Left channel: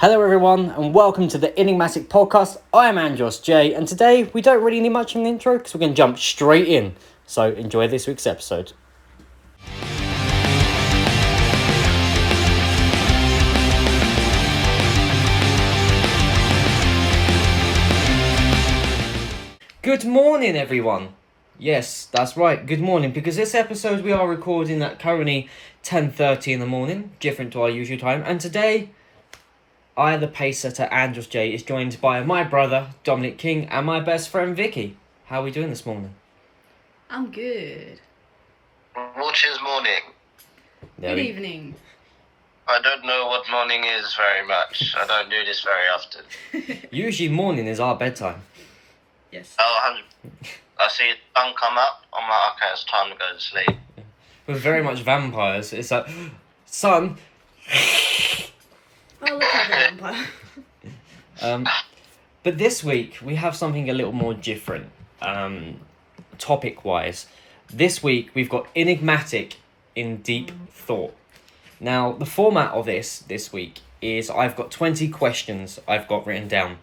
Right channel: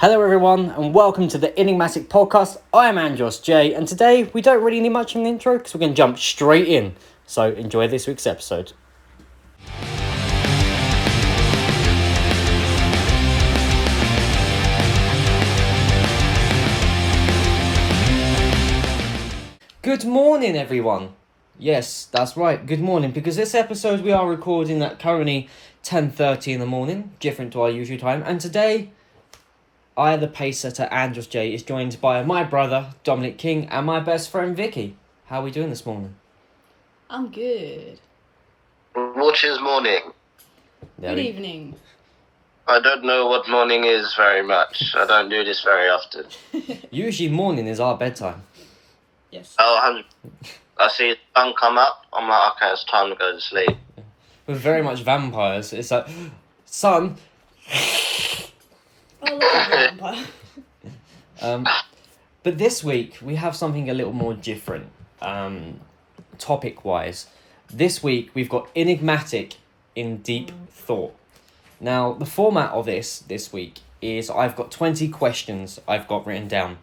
Hello everyone and welcome to the Enigmatic podcast. I am Andros J and today we don't really need much of an intro because we're going to jump straight in. So enjoy this week's episode. Good morning everyone. Yes, that's right, good morning, because this episode we are recording at currently 10:30 in the morning, different to our usual time, and today I, the pace setter Andros J, is joined by my brother Dominic King and my best friend Vickie. How are we doing this morning? I'm good. What is morning? Good evening. I don't know what morning is very much. I don't do this very often. Usually morning is our bedtime. Yes. Oh, I see the sun come up. I'm like, okay, it's time to go to sleep. We're very much vampires. It's like, sun. Oh, look like a vampire. But this week we have something a little more different, topic-wise. This week we've got Enigmatic in Deep Thought. Now, the format of this week is I've got 20 questions I've got written down.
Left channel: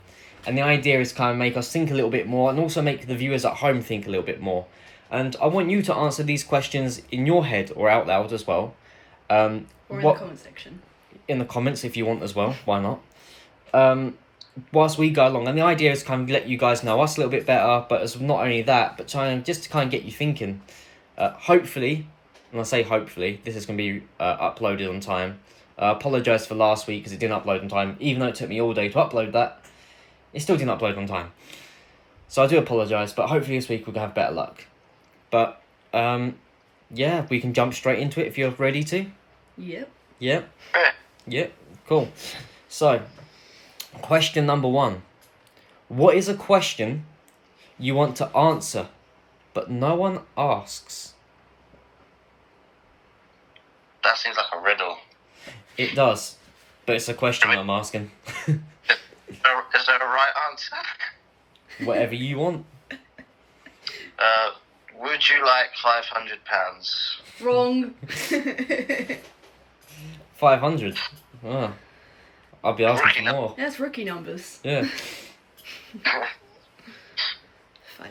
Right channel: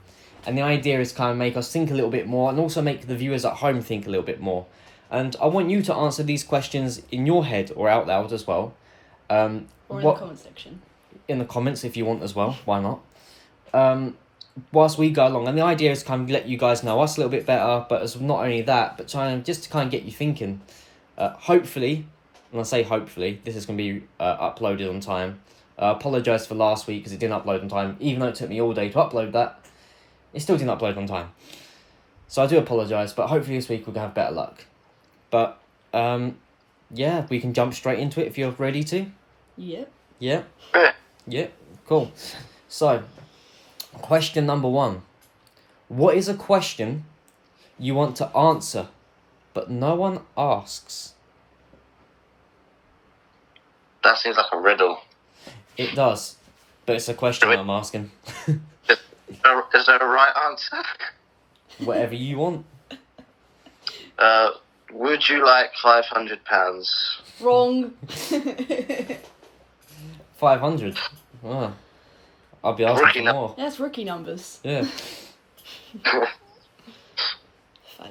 And the idea is kind of make us think a little bit more and also make the viewers at home think a little bit more. And I want you to answer these questions in your head or out loud as well. Or in the comment section. In the comments if you want as well, why not? Whilst we go along, and the idea is kind of let you guys know us a little bit better, but it's not only that, but trying just to kind of get you thinking. Hopefully, and I say hopefully, this is going to be uploaded on time. I apologise for last week because it didn't upload on time, even though it took me all day to upload that. It still didn't upload on time. So I do apologise, but hopefully this week we're going to have better luck. But, yeah, we can jump straight into it if you're ready to. Yep. Yep. Yeah, cool. So, question number 1. What is a question you want to answer, but no one asks? That seems like a riddle. It does, but it's a question I'm asking. Is there a right answer? Whatever you want. Would you like £500? Wrong. 500. Oh, I'll be asking for more. That's rookie numbers. Yeah. 5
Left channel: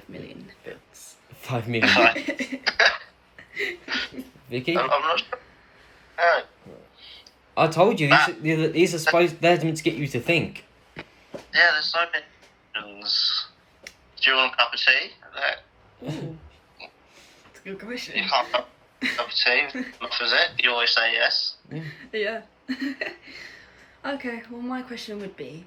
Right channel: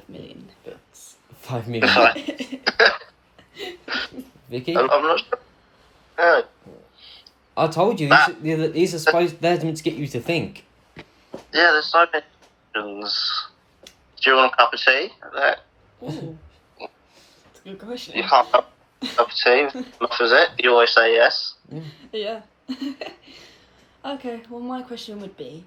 million. 5 million. Vickie? I'm not sure. I told you these are supposed they're meant to get you to think. Yeah, there's so many questions. Do you want a cup of tea? Ooh. That's a good question. You can't have a cup of tea. Enough is it? You always say yes. Yeah. Okay, well my question would be,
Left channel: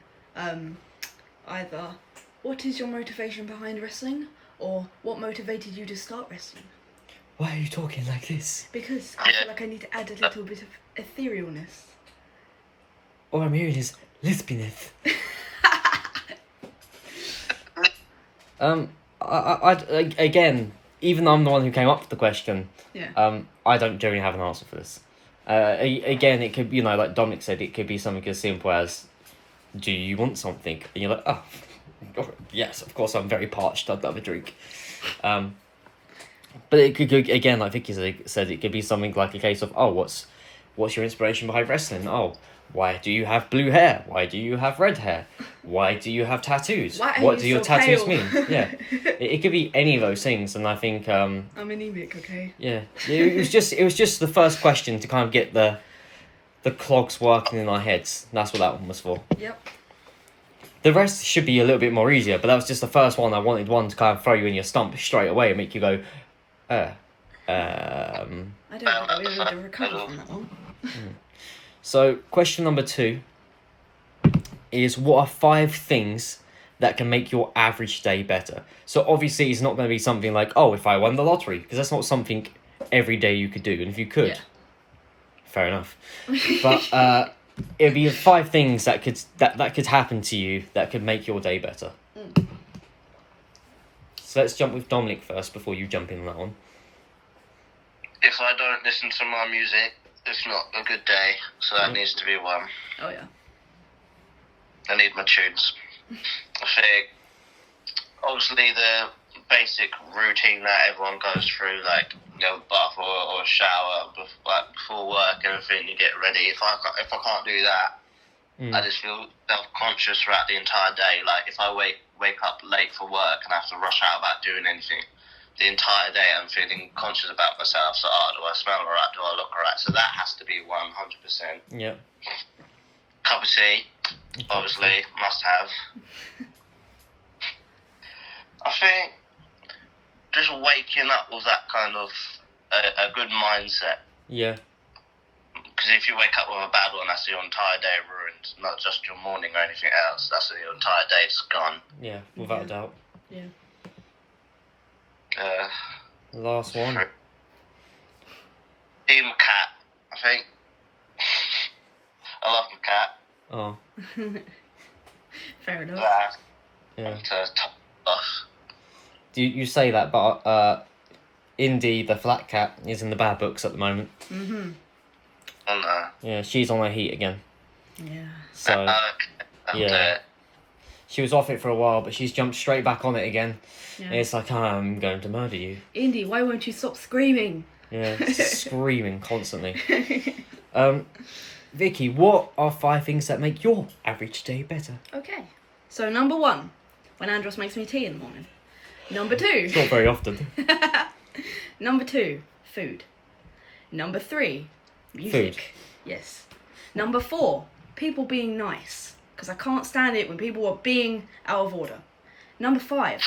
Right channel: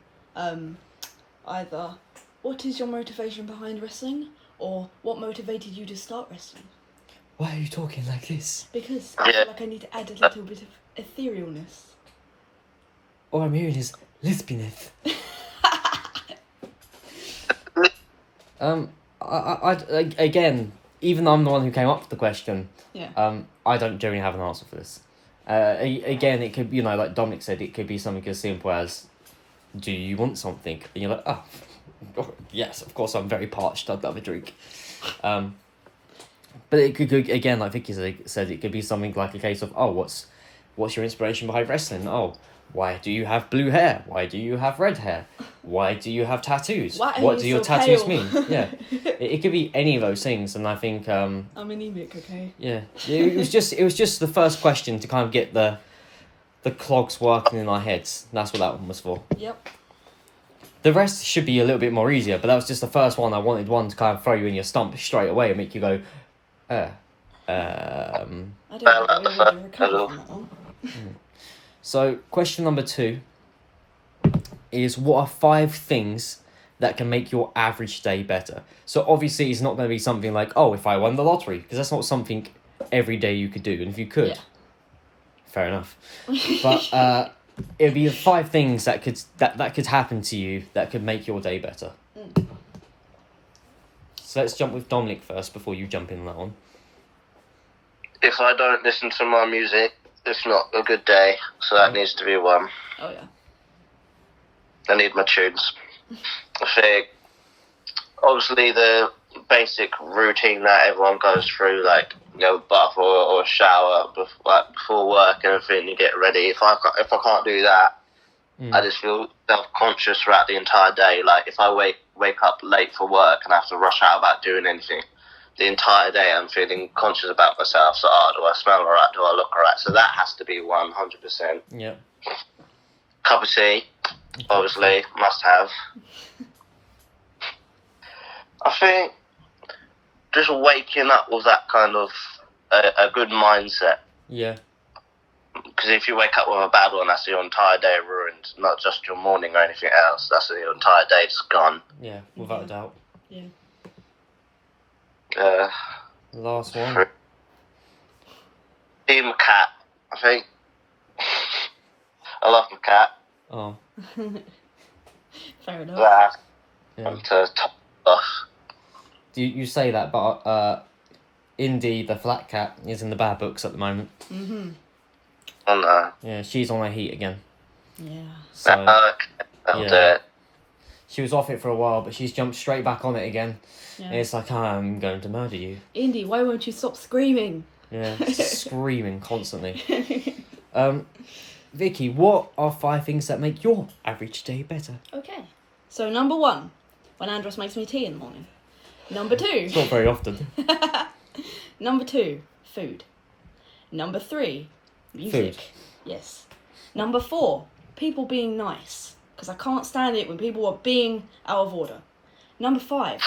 either what is your motivation behind wrestling, or what motivated you to start wrestling? Why are you talking like this? Because I feel like I need to add a little bit of etherealness. All I'm hearing is lesbianeth. I again, even though I'm the one who came up with the question, Yeah. I don't generally have an answer for this. Again, it could, like Dominic said, it could be something as simple as, do you want something? And you're like, oh, yes, of course, I'm very parched, I'd love a drink. But it could, again, like Vickie said, it could be something like a case of, oh, what's your inspiration behind wrestling? Oh, why do you have blue hair? Why do you have red hair? Why do you have tattoos? What do your tattoos mean? Yeah, it could be any of those things, and I think I'm anemic, okay? Yeah, it was just the first question to kind of get the clogs working in our heads. That's what that one was for. Yep. The rest should be a little bit more easier, but that was just the first one. I wanted one to kind of throw you in your stump straight away and make you go, I don't think I'll be able to recover from that one. So, question number 2 is, what are 5 things that can make your average day better? So, obviously, it's not going to be something like, oh, if I won the lottery, because that's not something every day you could do. And if you could, fair enough. But it'd be 5 things that could happen to you that could make your day better. So, let's jump with Dominic first before you jump in on that one. If I don't listen to my music, it's not a good day, so that needs to be one. Oh, yeah. I need my tunes. I think, obviously, the basic routine that everyone goes through, like, bath or shower before work and everything, you get ready. If I can't do that, I just feel self-conscious throughout the entire day. Like, if I wake up late for work and have to rush out about doing anything, the entire day I'm feeling conscious about myself. So, do I smell alright? Do I look alright? So that has to be 100%. Yeah. Cup of tea, obviously, must have. I think just waking up with that kind of a good mindset. Yeah. Because if you wake up with a bad one, that's your entire day ruined. Not just your morning or anything else. That's your entire day's gone. Yeah, without a doubt. Yeah. Last one. Team cat. I think I love my cat. Oh. Fair enough. Yeah. Ugh. You say that, but Indy, the flat cat, is in the bad books at the moment. Mm-hmm. Oh no. Yeah, she's on her heat again. Yeah. So yeah. Yeah. She was off it for a while, but she's jumped straight back on it again. Yeah. It's like, I'm going to murder you. Indy, why won't you stop screaming? Yeah, screaming constantly. Vickie, what are 5 things that make your average day better? Okay. So, number 1, when Andros makes me tea in the morning. Number 2. Not very often. Number 2, food. Number 3, music. Food. Yes. Number 4, people being nice. Because I can't stand it when people are being out of order. Number 5,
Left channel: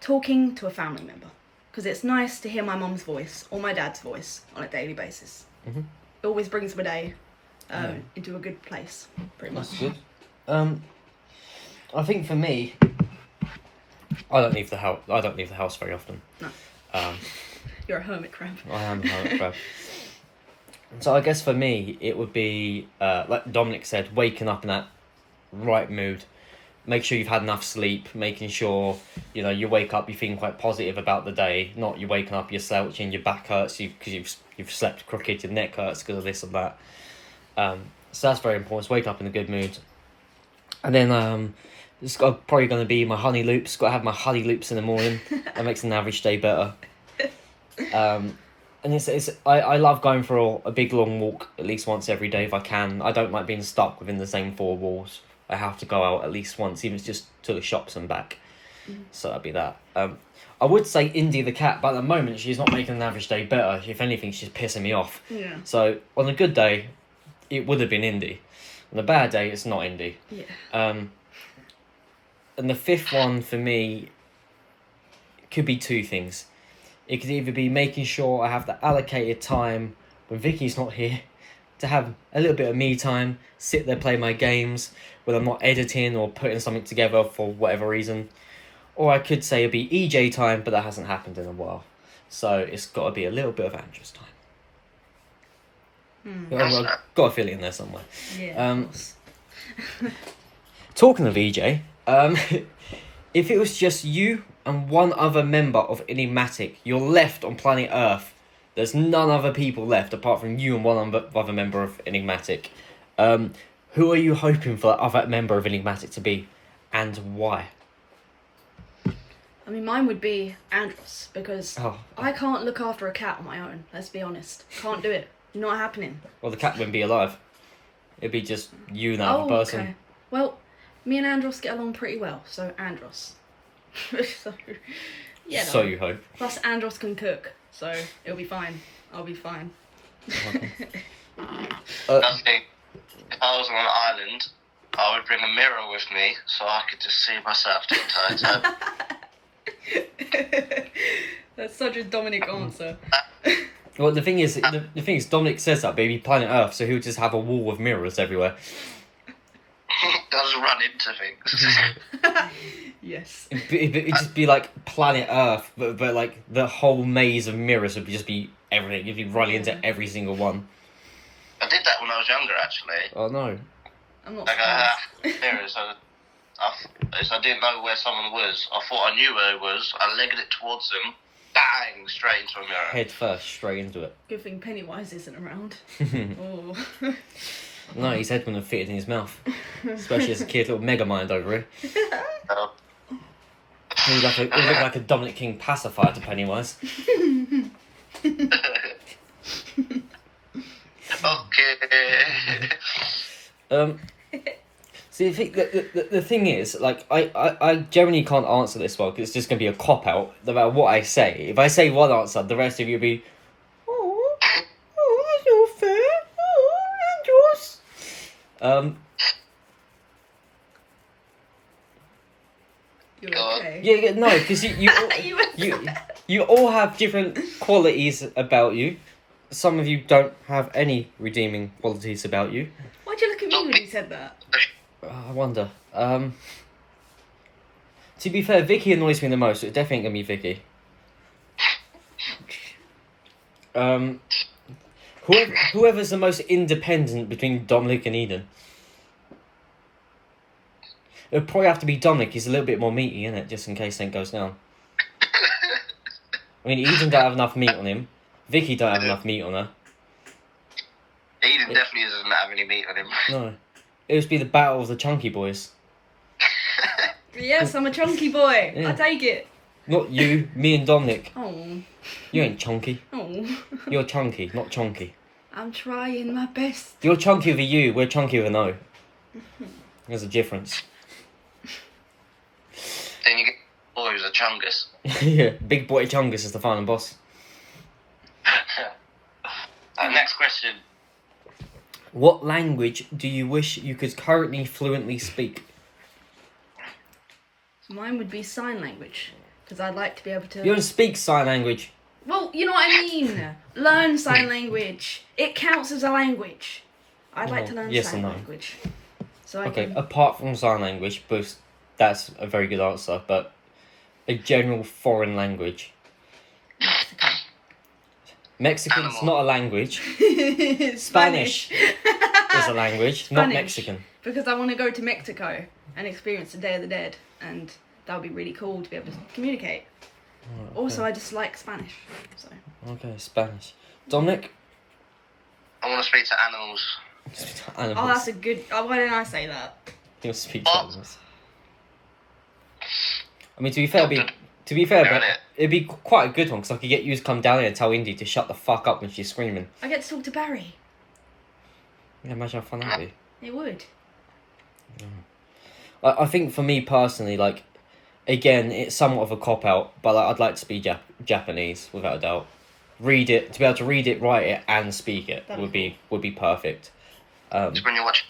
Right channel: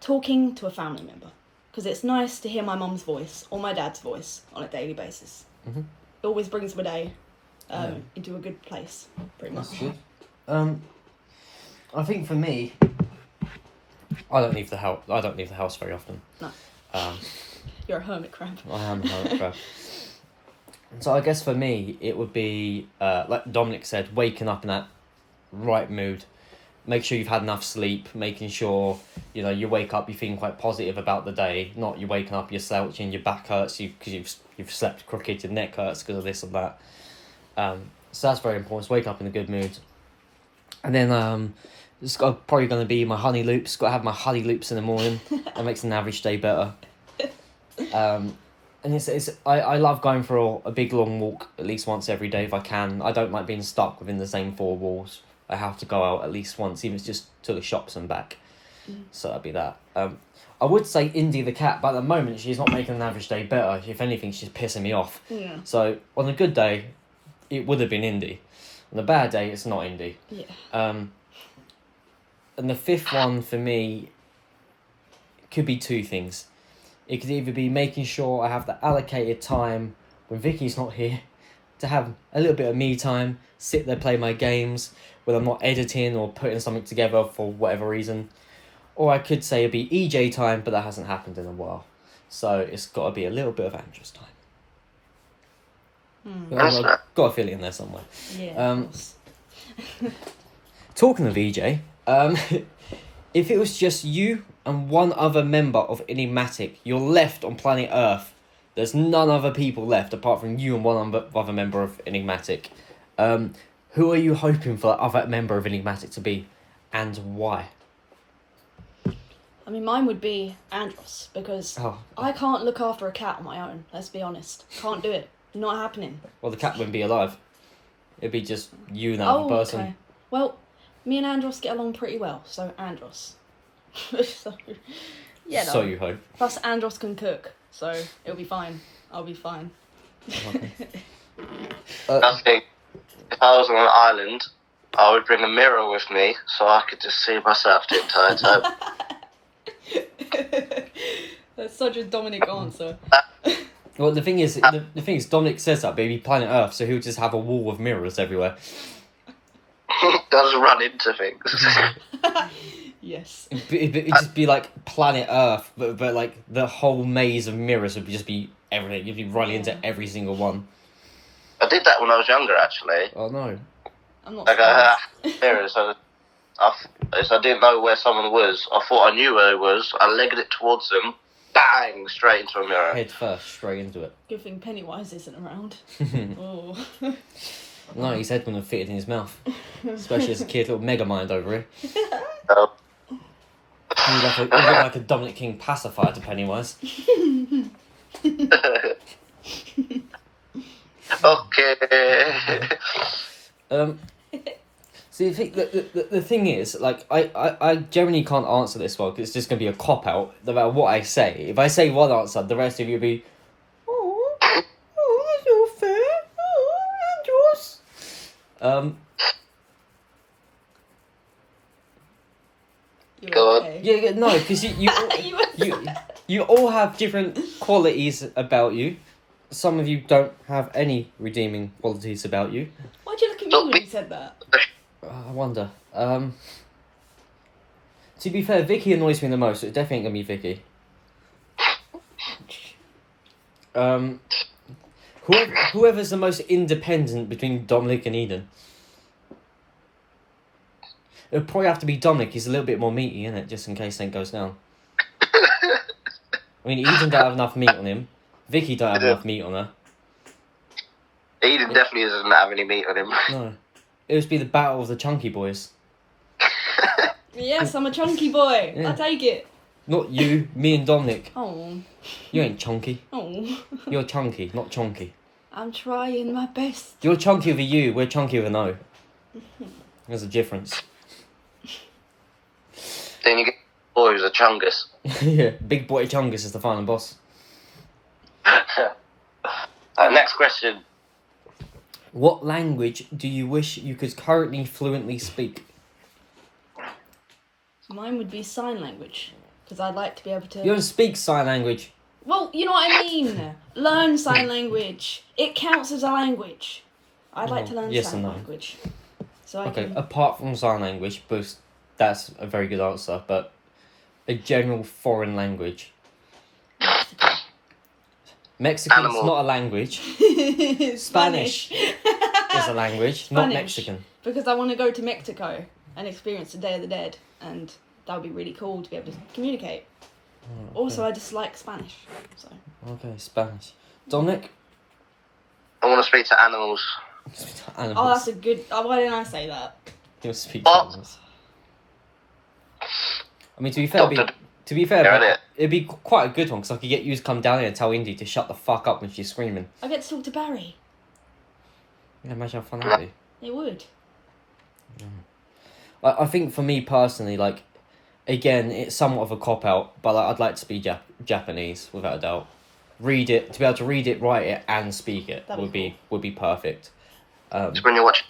talking to a family member. Because it's nice to hear my mum's voice or my dad's voice on a daily basis. Mm-hmm. It always brings my day into a good place, pretty much. That's good. I think for me, I don't leave the house very often. No. Um, You're a hermit crab. I am a hermit crab. So I guess for me, it would be, like Dominic said, waking up in that right mood. Make sure you've had enough sleep, making sure, you wake up, you're feeling quite positive about the day, not you're waking up, you're slouching, your back hurts because you've slept crooked, your neck hurts because of this and that. So that's very important, wake up in a good mood. And then it's probably going to be my honey loops, got to have my honey loops in the morning, that makes an average day better. And I love going for a big long walk at least once every day if I can. I don't like being stuck within the same 4 walls. I have to go out at least once, even if it's just to the shops and back. So that'd be that. I would say Indy the cat, but at the moment she's not making an average day better. If anything, she's pissing me off. Yeah. So on a good day, it would have been Indy. On a bad day, it's not Indy. Yeah. And the 5th one for me could be 2 things. It could either be making sure I have the allocated time when Vickie's not here to have a little bit of me time, sit there, play my games, when I'm not editing or putting something together for whatever reason. Or I could say it'd be EJ time, but that hasn't happened in a while. So it's got to be a little bit of Andrew's time. I've got a feeling in there somewhere. Yeah. Talking of EJ, if it was just you and one other member of Enigmatic, you're left on planet Earth. There's none other people left apart from you and one other member of Enigmatic. Who are you hoping for that other member of Enigmatic to be, and why? I mean, mine would be Andros, because I can't look after a cat on my own, let's be honest. Can't do it. Not happening. Well, the cat wouldn't be alive. It'd be just you and that other person. Okay. Well, me and Andros get along pretty well, so Andros. So, yeah. So you hope. Plus, Andros can cook, so it'll be fine. I'll be fine. I think if I was on an island, I would bring a mirror with me so I could just see myself the entire time. That's such a Dominic answer. Well, the thing is, Dominic says that, baby, planet Earth, so he'll just have a wall of mirrors everywhere. Doesn't run into things. Yes. It'd just be like planet Earth, but like the whole maze of mirrors would just be everything. You'd be running into every single one. I did that when I was younger, actually. Oh no. I'm not Like, mirrors. I didn't know where someone was. I thought I knew where it was. I legged it towards them. Bang! Straight into a mirror. Head first, straight into it. Good thing Pennywise isn't around. Oh. No, his head wouldn't have fitted in his mouth. Especially as a kid, little mega mind over here. Oh. He looked like a Dominic King pacifier to Pennywise. Okay. See, the thing is, like, I generally can't answer this one because it's just going to be a cop-out no matter what I say. If I say one answer, the rest of you will be, oh, that's not fair. Oh, Andros. You're God. okay. Yeah, no, because you all have different qualities about you. Some of you don't have any redeeming qualities about you. Why'd you look at me when you said that? I wonder. To be fair, Vickie annoys me the most, so it's definitely gonna be Vickie. Whoever's the most independent between Dominic and Eden. It'll probably have to be Dominic. He's a little bit more meaty, isn't it? Just in case anything goes down. I mean, Eden don't have enough meat on him. Vickie don't have enough meat on her. Eden definitely doesn't have any meat on him. No. It would be the battle of the chunky boys. Yes, I'm a chunky boy. Yeah. I take it. Not you, me and Dominic. Oh. You ain't chunky. Oh. You're chunky, not chunky. I'm trying my best. You're chunky with a U, we're chunky with an O. There's a difference. Then you get boy who's a chungus. Yeah, big boy chungus is the final boss. Next question. What language do you wish you could currently fluently speak? Mine would be sign language. Because I'd like to be able to... You don't speak sign language. Well, you know what I mean. Learn sign language. It counts as a language. I'd like to learn yes sign and no. language. So I Okay, can... apart from sign language, but that's a very good answer, but a general foreign language. Mexico. Mexican's Animal. not a language. Spanish is a language, not Spanish. Mexican. Because I want to go to Mexico and experience the Day of the Dead. And that would be really cool to be able to communicate. Oh, okay. Also, I just like Spanish. So Okay, Spanish. Dominic? I want to speak to animals. Animals. Oh, that's a good... Oh, why didn't I say that? He'll speak to animals. I mean, to be fair, but it'd be quite a good one, because I could get you to come down here and tell Indy to shut the fuck up when she's screaming. I get to talk to Barry. Yeah, imagine how fun that would be. It would. I think for me personally, like, again, it's somewhat of a cop-out, but like, I'd like to speak Japanese, without a doubt. Read it, to be able to read it, write it, and speak it would be perfect. When you watch...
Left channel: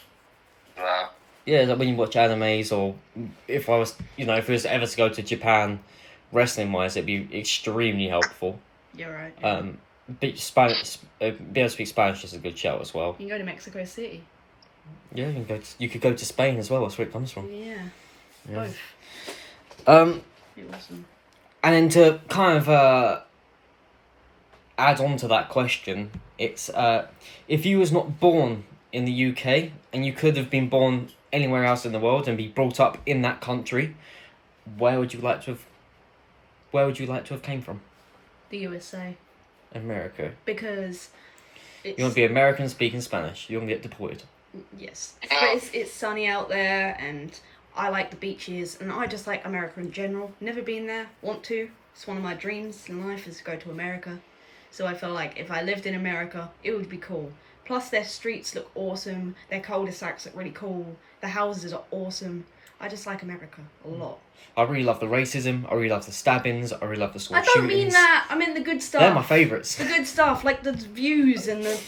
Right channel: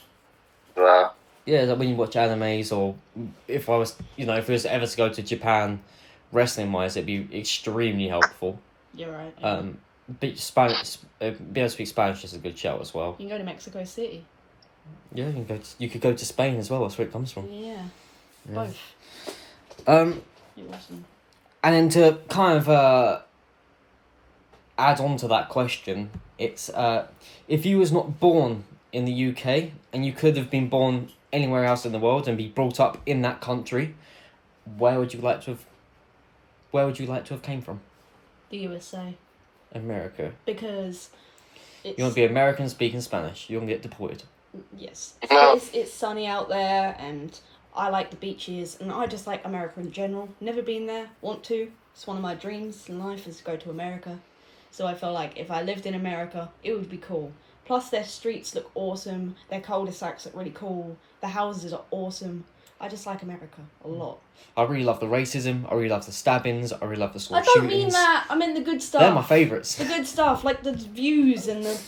Yeah, like when you watch animes, or if I was, if it was ever to go to Japan, wrestling-wise, it'd be extremely helpful. You're right. Yeah. But Spanish, be able to speak Spanish is a good shout as well. You can go to Mexico City. Yeah, you could go to Spain as well. That's where it comes from. Yeah. Yeah. Both. You're awesome. And then to kind of add on to that question, it's if you was not born in the UK and you could have been born anywhere else in the world and be brought up in that country, where would you like to have came from? The USA. America. Because it's... You want to be American speaking Spanish. You want to get deported. Yes. But it's sunny out there, and I like the beaches, and I just like America in general. Never been there. Want to. It's one of my dreams in life is to go to America. So I feel like if I lived in America, it would be cool. Plus their streets look awesome. Their cul-de-sacs look really cool. The houses are awesome. I just like America a lot. I really love the racism. I really love the stabbings. I really love the sort I of don't shootings. mean that. I mean the good stuff. They're my favourites. The good stuff, like the views and the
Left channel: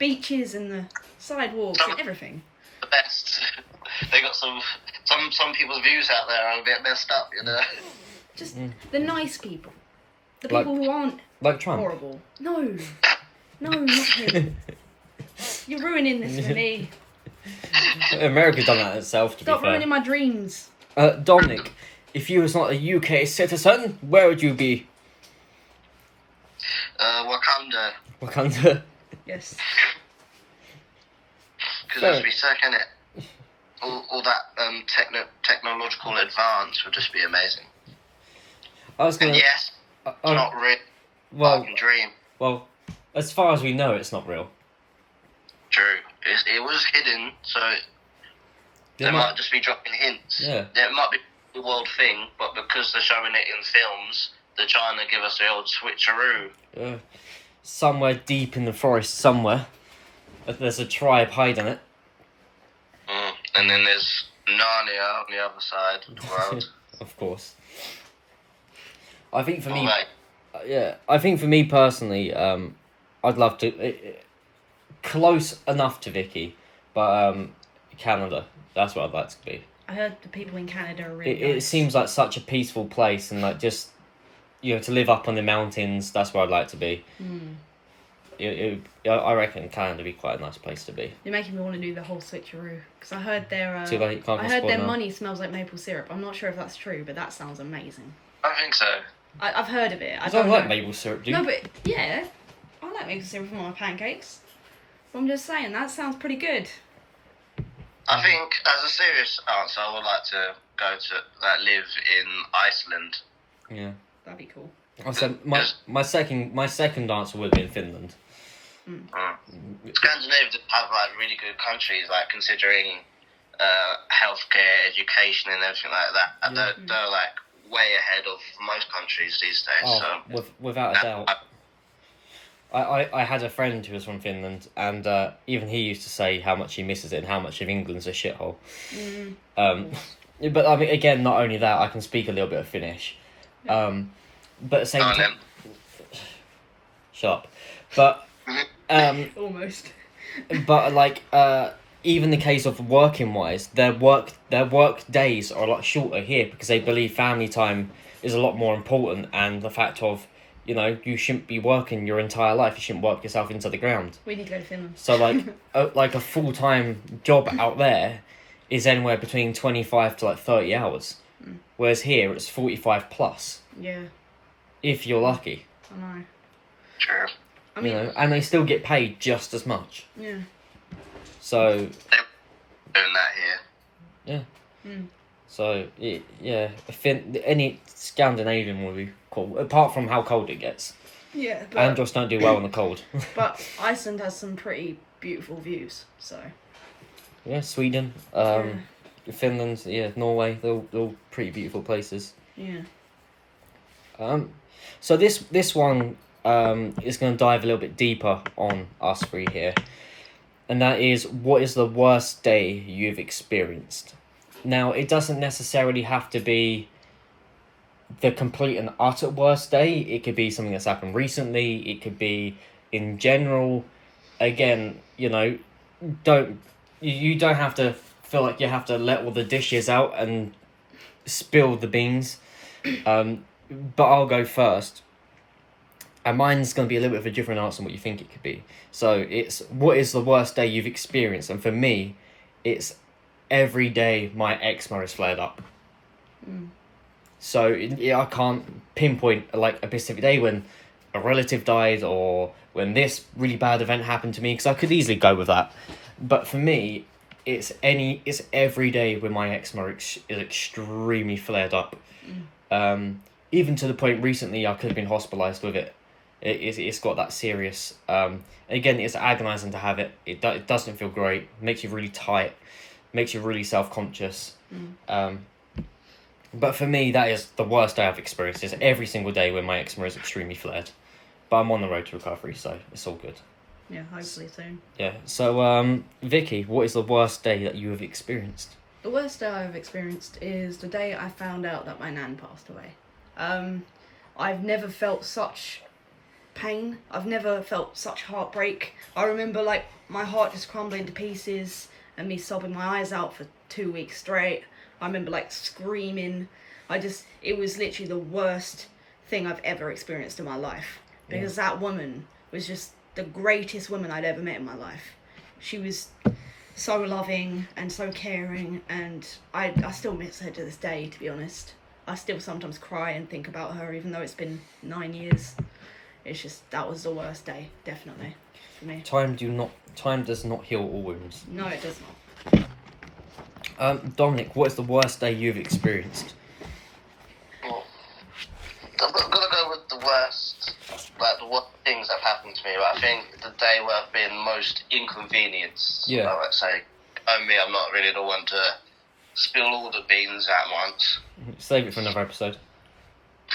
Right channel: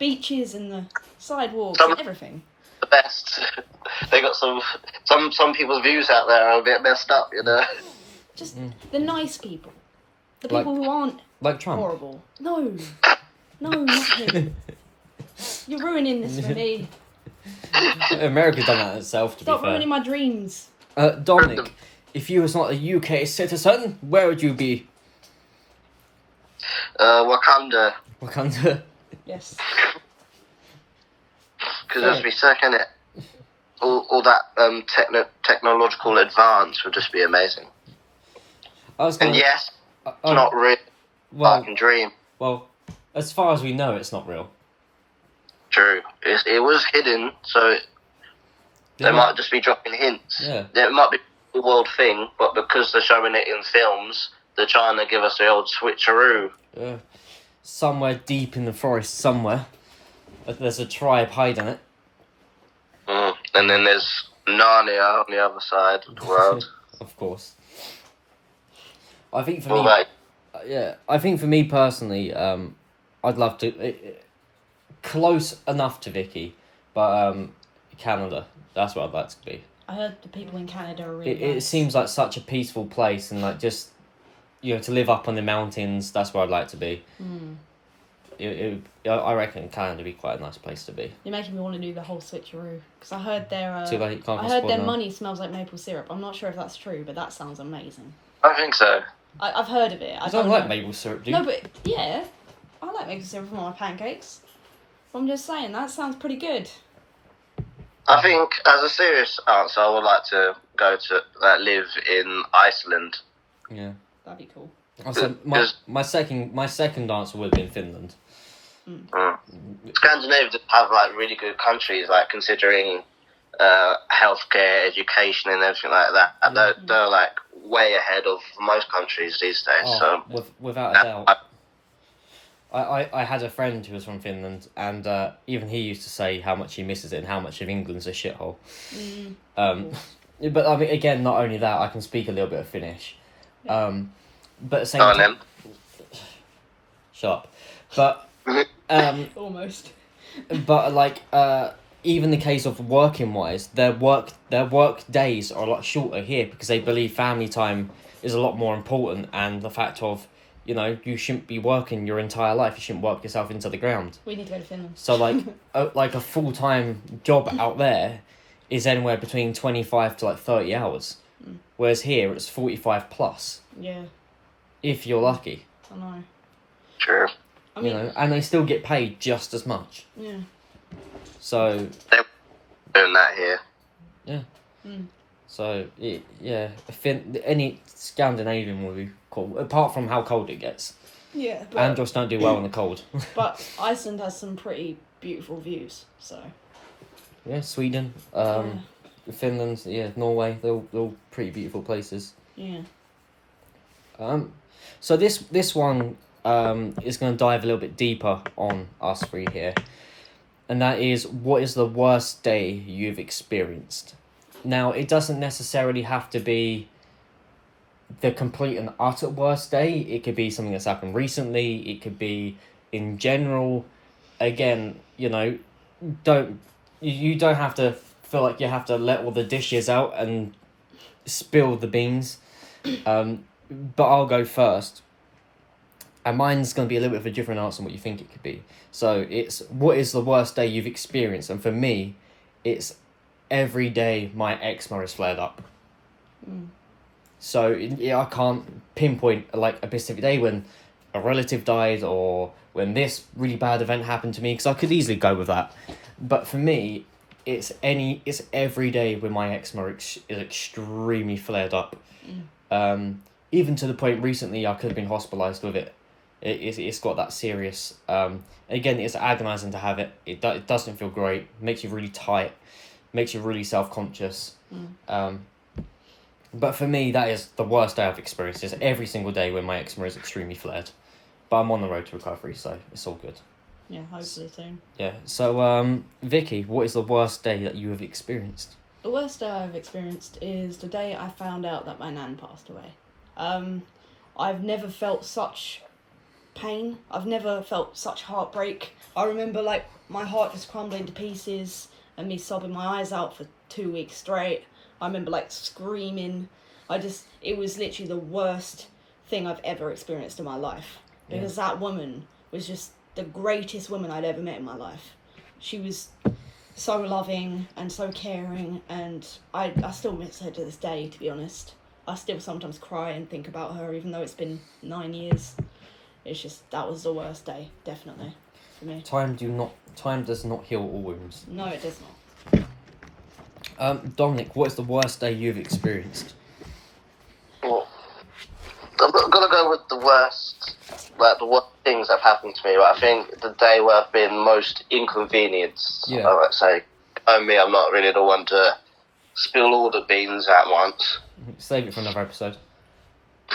beaches and the sidewalks and everything. The best. They got some people's views out there are a bit messed up, Just the nice people. The Like- people who aren't Like Trump. horrible. No, not him. You're ruining this for me. America's done that itself, to Stop be fair. ruining my dreams. Dominic, if you was not a UK citizen, where would you be? Wakanda. Wakanda. Yes. Because that'd be sick, innit? All that technological advance would just be amazing. I was And gonna. yes, I- it's not real. well, Fucking dream. well, as far as we know, it's not real. True. It was hidden, so they might just be dropping hints. Yeah. It might be a world thing, but because they're showing it in films, they're trying to give us the old switcheroo. Somewhere deep in the forest, somewhere, there's a tribe hiding it. And then there's Narnia on the other side of the world. Of course. I think for Well, me, mate, I think for me personally, I'd love to close enough to Vickie, but Canada. That's what I'd like to be. I heard the people in Canada are really It nice. seems like such a peaceful place, and like just to live up on the mountains. That's where I'd like to be. I reckon Canada would be quite a nice place to be. You're making me want to do the whole switcheroo because I heard their Too late, can't I heard their now. money smells like maple syrup. I'm not sure if that's true, but that sounds amazing. I think so. I've heard of it. I don't like maple syrup, do you? No, but yeah, I like maple syrup on my pancakes. But I'm just saying that sounds pretty good. I think, as a serious answer, I would like to go to live in Iceland. Yeah. That'd be cool. I said my second answer would have been Finland. Scandinavia just have like really good countries, like considering healthcare, education, and everything like that. And they're like way ahead of most countries these days. Oh, so without a doubt. I had a friend who was from Finland, and even he used to say how much he misses it and how much of England's a shithole. But I mean, again, not only that, I can speak a little bit of Finnish. But at the same time, shut up. But Almost. but like even the case of working wise, their work days are a lot shorter here because they believe family time is a lot more important, and the fact of you shouldn't be working your entire life. You shouldn't work yourself into the ground. We need to go to Finland. So like a full-time job out there is anywhere between 25 to like 30 hours. Whereas here it's 45 plus. Yeah. If you're lucky. I know. True. I mean, and they still get paid just as much. Yeah. They're So doing that here. yeah. So any Scandinavian would be cool, apart from how cold it gets. Yeah. But, Andros don't do well in the cold. but Iceland has some pretty beautiful views, so. Yeah, Sweden, Finland, Norway, they're all pretty beautiful places. Yeah. So this one is going to dive a little bit deeper on us three here, and that is, what is the worst day you've experienced? Now, it doesn't necessarily have to be the complete and utter worst day. It could be something that's happened recently. It could be in general. Again, you don't have to feel like you have to let all the dishes out and spill the beans. But I'll go first. And mine's going to be a little bit of a different answer than what you think it could be. So it's, what is the worst day you've experienced? And for me, it's every day my eczema is flared up. So I can't pinpoint like a specific day when a relative died or when this really bad event happened to me, because I could easily go with that. But for me, it's every day when my eczema is extremely flared up. Even to the point recently I could have been hospitalised with it. It's got that serious. Again, it's agonising to have it. It doesn't feel great. Makes you really tight. Makes you really self-conscious. But for me, that is the worst day I've experienced. Is every single day when my eczema is extremely flared. But I'm on the road to recovery, so it's all good. Yeah, hopefully soon. Yeah. So, Vickie, what is the worst day that you have experienced? The worst day I've experienced is the day I found out that my nan passed away. I've never felt such pain. I've never felt such heartbreak. I remember like my heart just crumbling to pieces and me sobbing my eyes out for 2 weeks straight. I remember like screaming. It was literally the worst thing I've ever experienced in my life, because that woman was just the greatest woman I'd ever met in my life. She was so loving and so caring, and I still miss her to this day, to be honest. I still sometimes cry and think about her, even though it's been 9 years. It's just, that was the worst day, definitely, for me. Time does not heal all wounds. No, it does not. Dominic, what is the worst day you've experienced? Well, I'm gonna go with the worst things that happened to me. But I think the day where I've been most inconvenienced. Yeah. I might say, I'm not really the one to spill all the beans at once. Save it for another episode.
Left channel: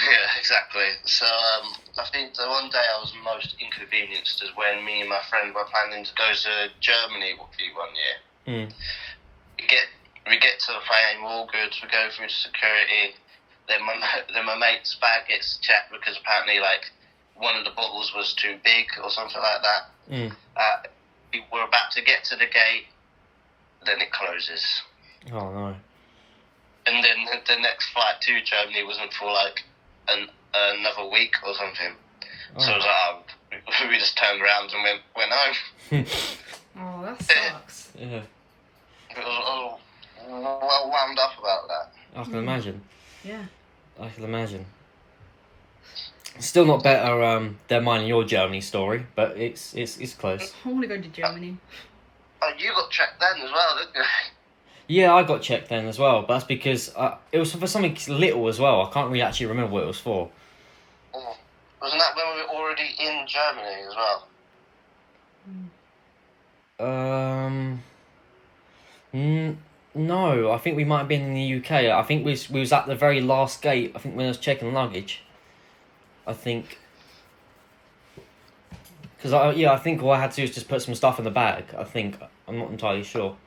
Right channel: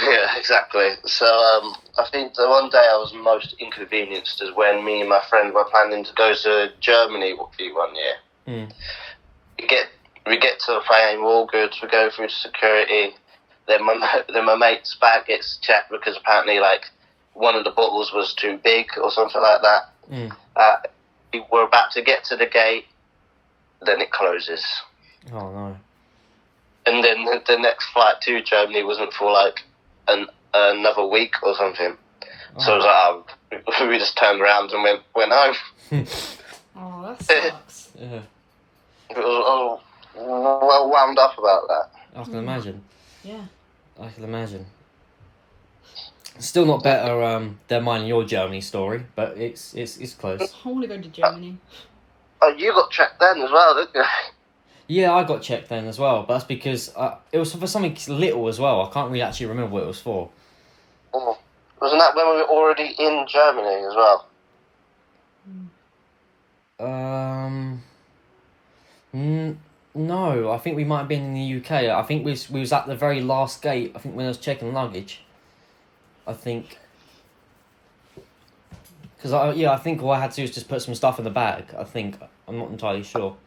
Yeah, exactly. So I think the one day I was most inconvenienced is when me and my friend were planning to go to Germany one year. we get to the plane, we're all good. We go through security. Then my mate's bag gets checked because apparently like one of the bottles was too big or something like that. We're about to get to the gate, then it closes. Oh no. And then the next flight to Germany wasn't for like another week or something. Oh. So it was like, we just turned around and went home. Oh, that sucks. Yeah. I was well wound up about that. I can imagine. Yeah. I can imagine. Still not better than mine and your Germany story, but it's close. I want to go to Germany. Oh, you got checked then as well, didn't you? Yeah, I got checked then as well, but that's because it was for something little as well. I can't really actually remember what it was for. Oh. Wasn't that when we were already in Germany as well? No, I think we might have been in the UK. I think we was at the very last gate. I think when I was checking luggage. I think. Because I think all I had to do was just put some stuff in the bag. I think I'm not entirely sure.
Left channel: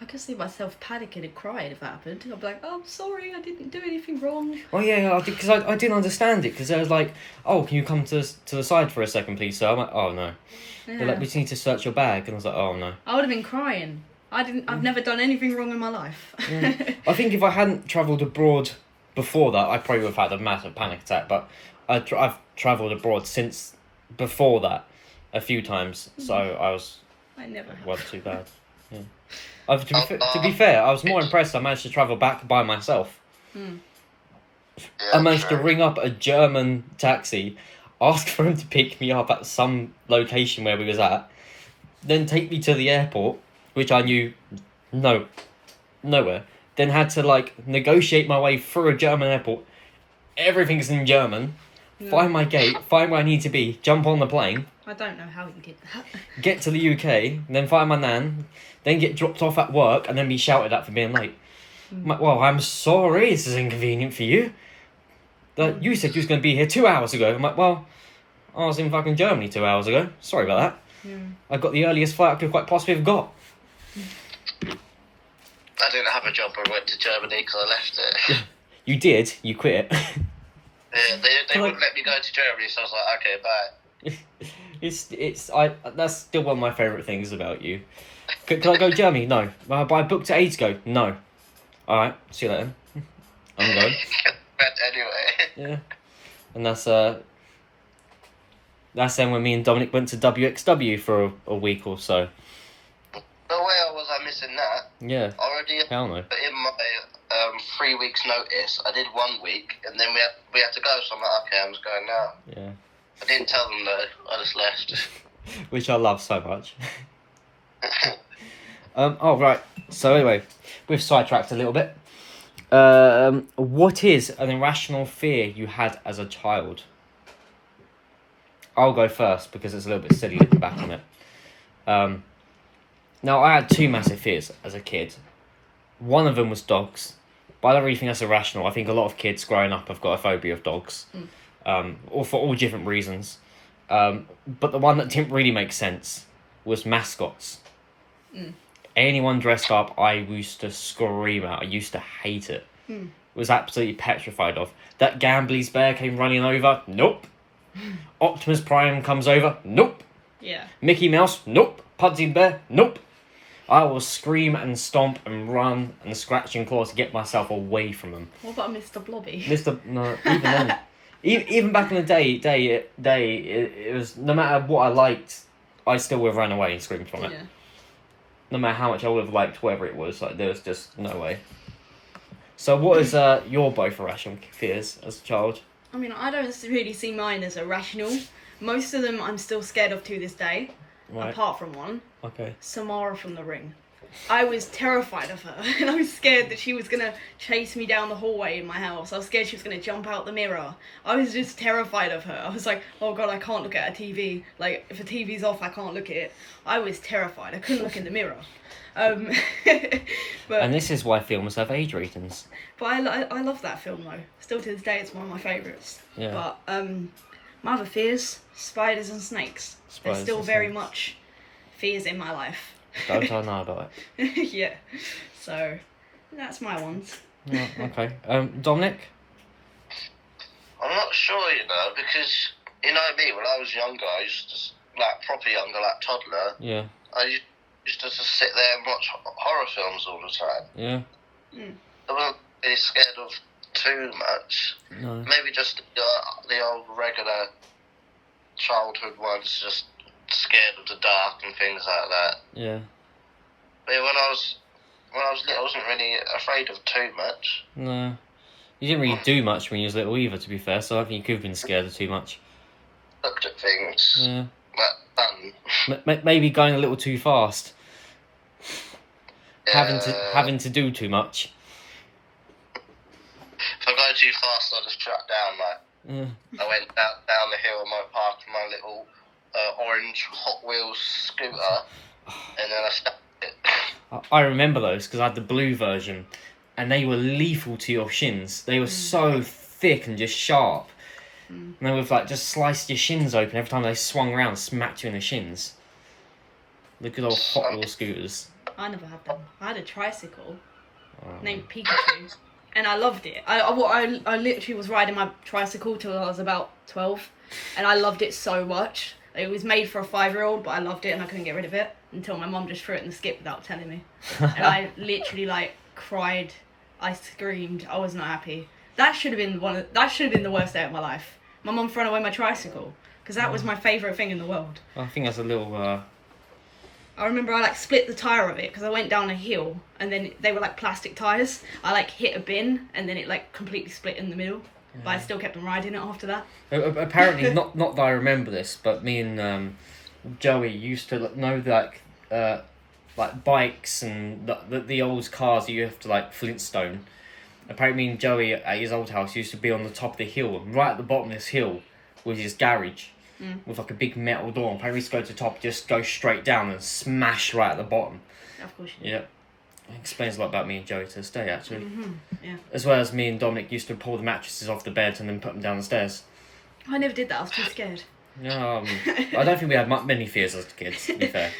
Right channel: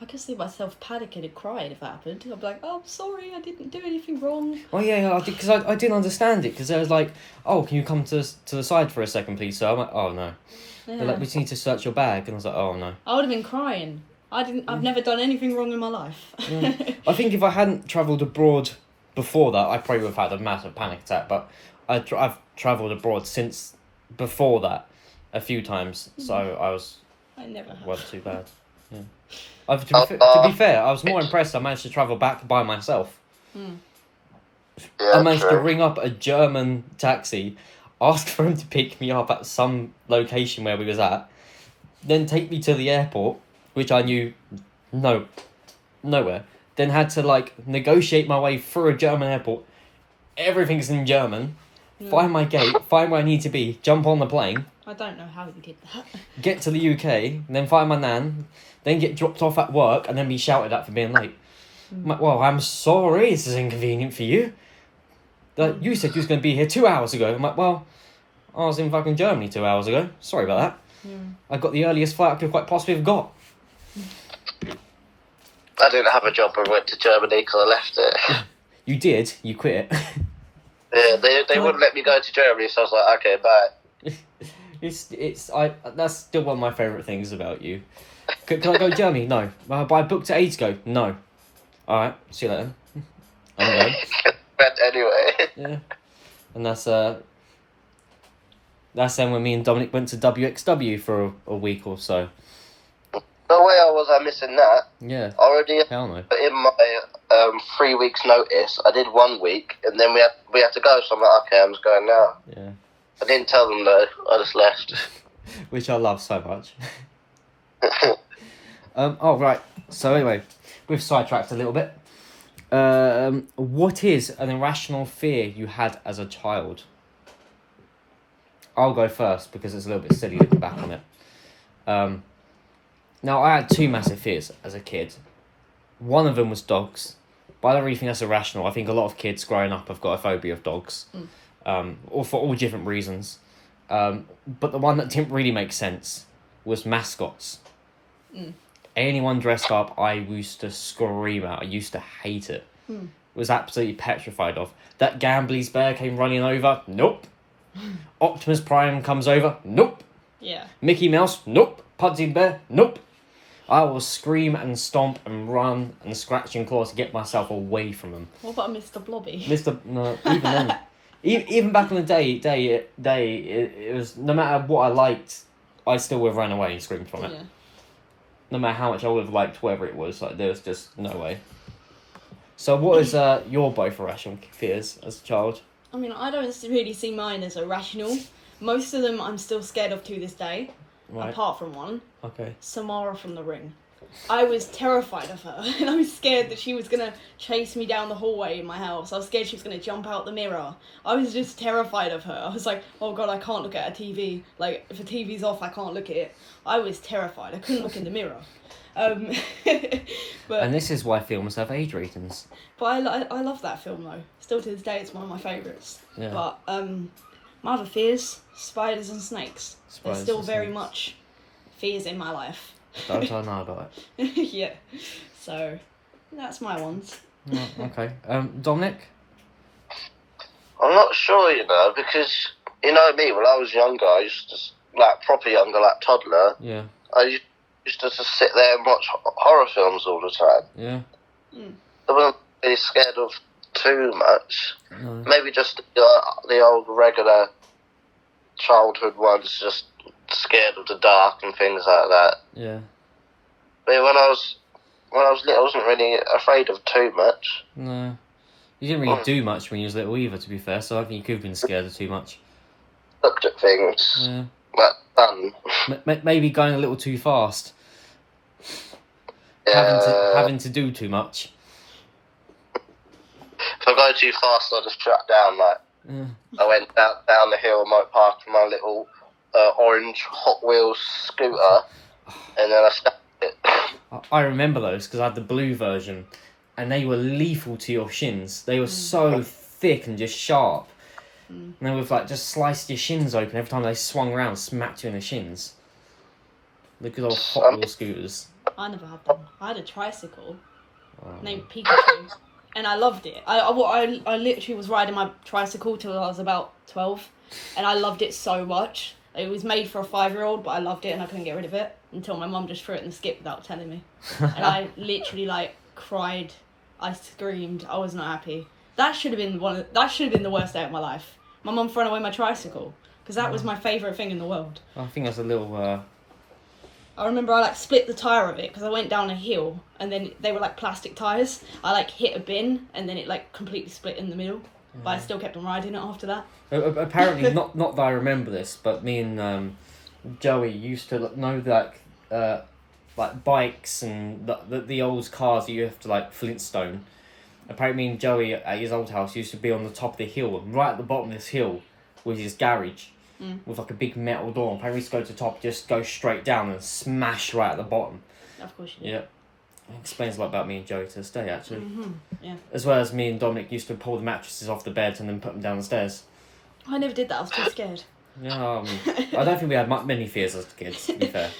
I could see myself panicking and crying if that happened. I'd be like, "Oh, I'm sorry, I didn't do anything wrong." Oh yeah, because I didn't understand it because I was like, "Oh, can you come to the side for a second, please, sir?" I'm like, "Oh no." Yeah. They're like, "We just need to search your bag," and I was like, "Oh no." I would have been crying. I've never done anything wrong in my life. Yeah. I think if I hadn't travelled abroad before that, I probably would have had a massive panic attack. But I've travelled abroad since before that a few times, so I never have. wasn't too bad. Yeah. To be fair, I was more impressed I managed to travel back by myself. Yeah, I managed to true. ring up a German taxi, ask for him to pick me up at some location where we was at, then take me to the airport, which I knew nowhere. Then had to like negotiate my way through a German airport. Everything's in German. Find my gate, find where I need to be, jump on the plane, I don't know how you did that. get to the UK, then find my nan, then get dropped off at work, and then be shouted at for being late. I'm like, well, I'm sorry, this is inconvenient for you. Like, you said you was going to be here 2 hours ago. I'm like, well, I was in fucking Germany 2 hours ago. Sorry about that. I got the earliest flight I could quite possibly have got. I didn't have a job and went to Germany because I left it. You did, you quit. Yeah, they wouldn't let me go to Germany, so I was like, okay, bye. That's still one of my favourite things about you. Can I go to Germany? No. But I booked it ages ago. No. Alright, see you later. I'm going. Went anyway. Yeah. And that's then when me and Dominic went to WXW for a week or so. No way was I missing that. Yeah. Already Hell no. in my 3 weeks notice, I did 1 week, and then we had to go, so I'm like, okay, I'm just going now. Yeah. I didn't tell them though, I just left. Which I love so much. Oh, right. So anyway, we've sidetracked a little bit. What is an irrational fear you had as a child? I'll go first because it's a little bit silly looking back on it. Now, I had two massive fears as a kid. One of them was dogs. But I don't really think that's irrational. I think a lot of kids growing up have got a phobia of dogs. Or for all different reasons. But the one that didn't really make sense was mascots. Anyone dressed up, I used to scream at. I used to hate it. Was absolutely petrified of. That Gambley's bear came running over. Nope. Optimus Prime comes over. Nope. Yeah. Mickey Mouse. Nope. Pudsey Bear. Nope. I will scream and stomp and run and scratch and claw to get myself away from them. What about Mr. Blobby? No, even then. Even back in the day, it was, no matter what I liked, I still would have ran away and screamed from it. Yeah. No matter how much I would have liked whatever it was, like there was just no way. So what is your both irrational fears as a child? I mean, I don't really see mine as irrational. Most of them I'm still scared of to this day, Right. apart from one. Okay. Samara from The Ring. I was terrified of her, and I was scared that she was going to chase me down the hallway in my house. I was scared she was going to jump out the mirror. I was just terrified of her. I was like, oh god, I can't look at a TV. Like, if a TV's off, I can't look at it. I was terrified. I couldn't look in the mirror. But And this is why films have age ratings. But I love that film, though. Still to this day, it's one of my favourites. Yeah. But my other fears, spiders and snakes. Spiders They're still and very snakes. much fears in my life. Don't I know about it? Yeah. So that's my ones. Right, okay. Dominic? I'm not sure, because, me, when I was younger, I used to, proper younger, toddler, Yeah. I used to just sit there and watch horror films all the time. Yeah. I wasn't really scared of too much. No. Maybe just the old regular childhood ones, just scared of the dark and things like that. Yeah. But when I was little, I wasn't really afraid of too much. No. You didn't really do much when you was little either, to be fair, so I think you could have been scared of too much. Looked at things. Yeah. Like fun. Maybe going a little too fast. Yeah. Having to do too much. If I go too fast, I just shut down. Yeah. I went down the hill in my park in my little orange Hot Wheels scooter, and then I stopped it. I remember those because I had the blue version, and they were lethal to your shins. They were so thick and just sharp. And they would just sliced your shins open every time they swung around, smacked you in the shins. The good old Hot Wheel scooters. I never had them. I had a tricycle named Pikachu, and I loved it. I literally was riding my tricycle till I was about 12, and I loved it so much. It was made for a 5-year-old, but I loved it and I couldn't get rid of it until my mum just threw it in the skip without telling me. And I literally cried. I screamed. I was not happy. That should have been the worst day of my life. My mum throwing away my tricycle because that was my favourite thing in the world. I think that's a little. I remember I split the tyre of it because I went down a hill and then they were plastic tyres. I hit a bin and then it completely split in the middle. Yeah. But I still kept on riding it after that. Apparently, not that I remember this, but me and Joey used to know bikes and the old cars that you have to Flintstone. Apparently, me and Joey at his old house used to be on the top of the hill, and right at the bottom of this hill was his garage with a big metal door. Apparently, we used to go to the top, just go straight down and smash right at the bottom. Of course you did. Yeah. It explains a lot about me and Joey to this day, actually. Mm-hmm. Yeah. As well as me and Dominic used to pull the mattresses off the bed and then put them down the stairs. I never did that. I was too scared. Yeah, I don't think we had many fears as kids, to be fair.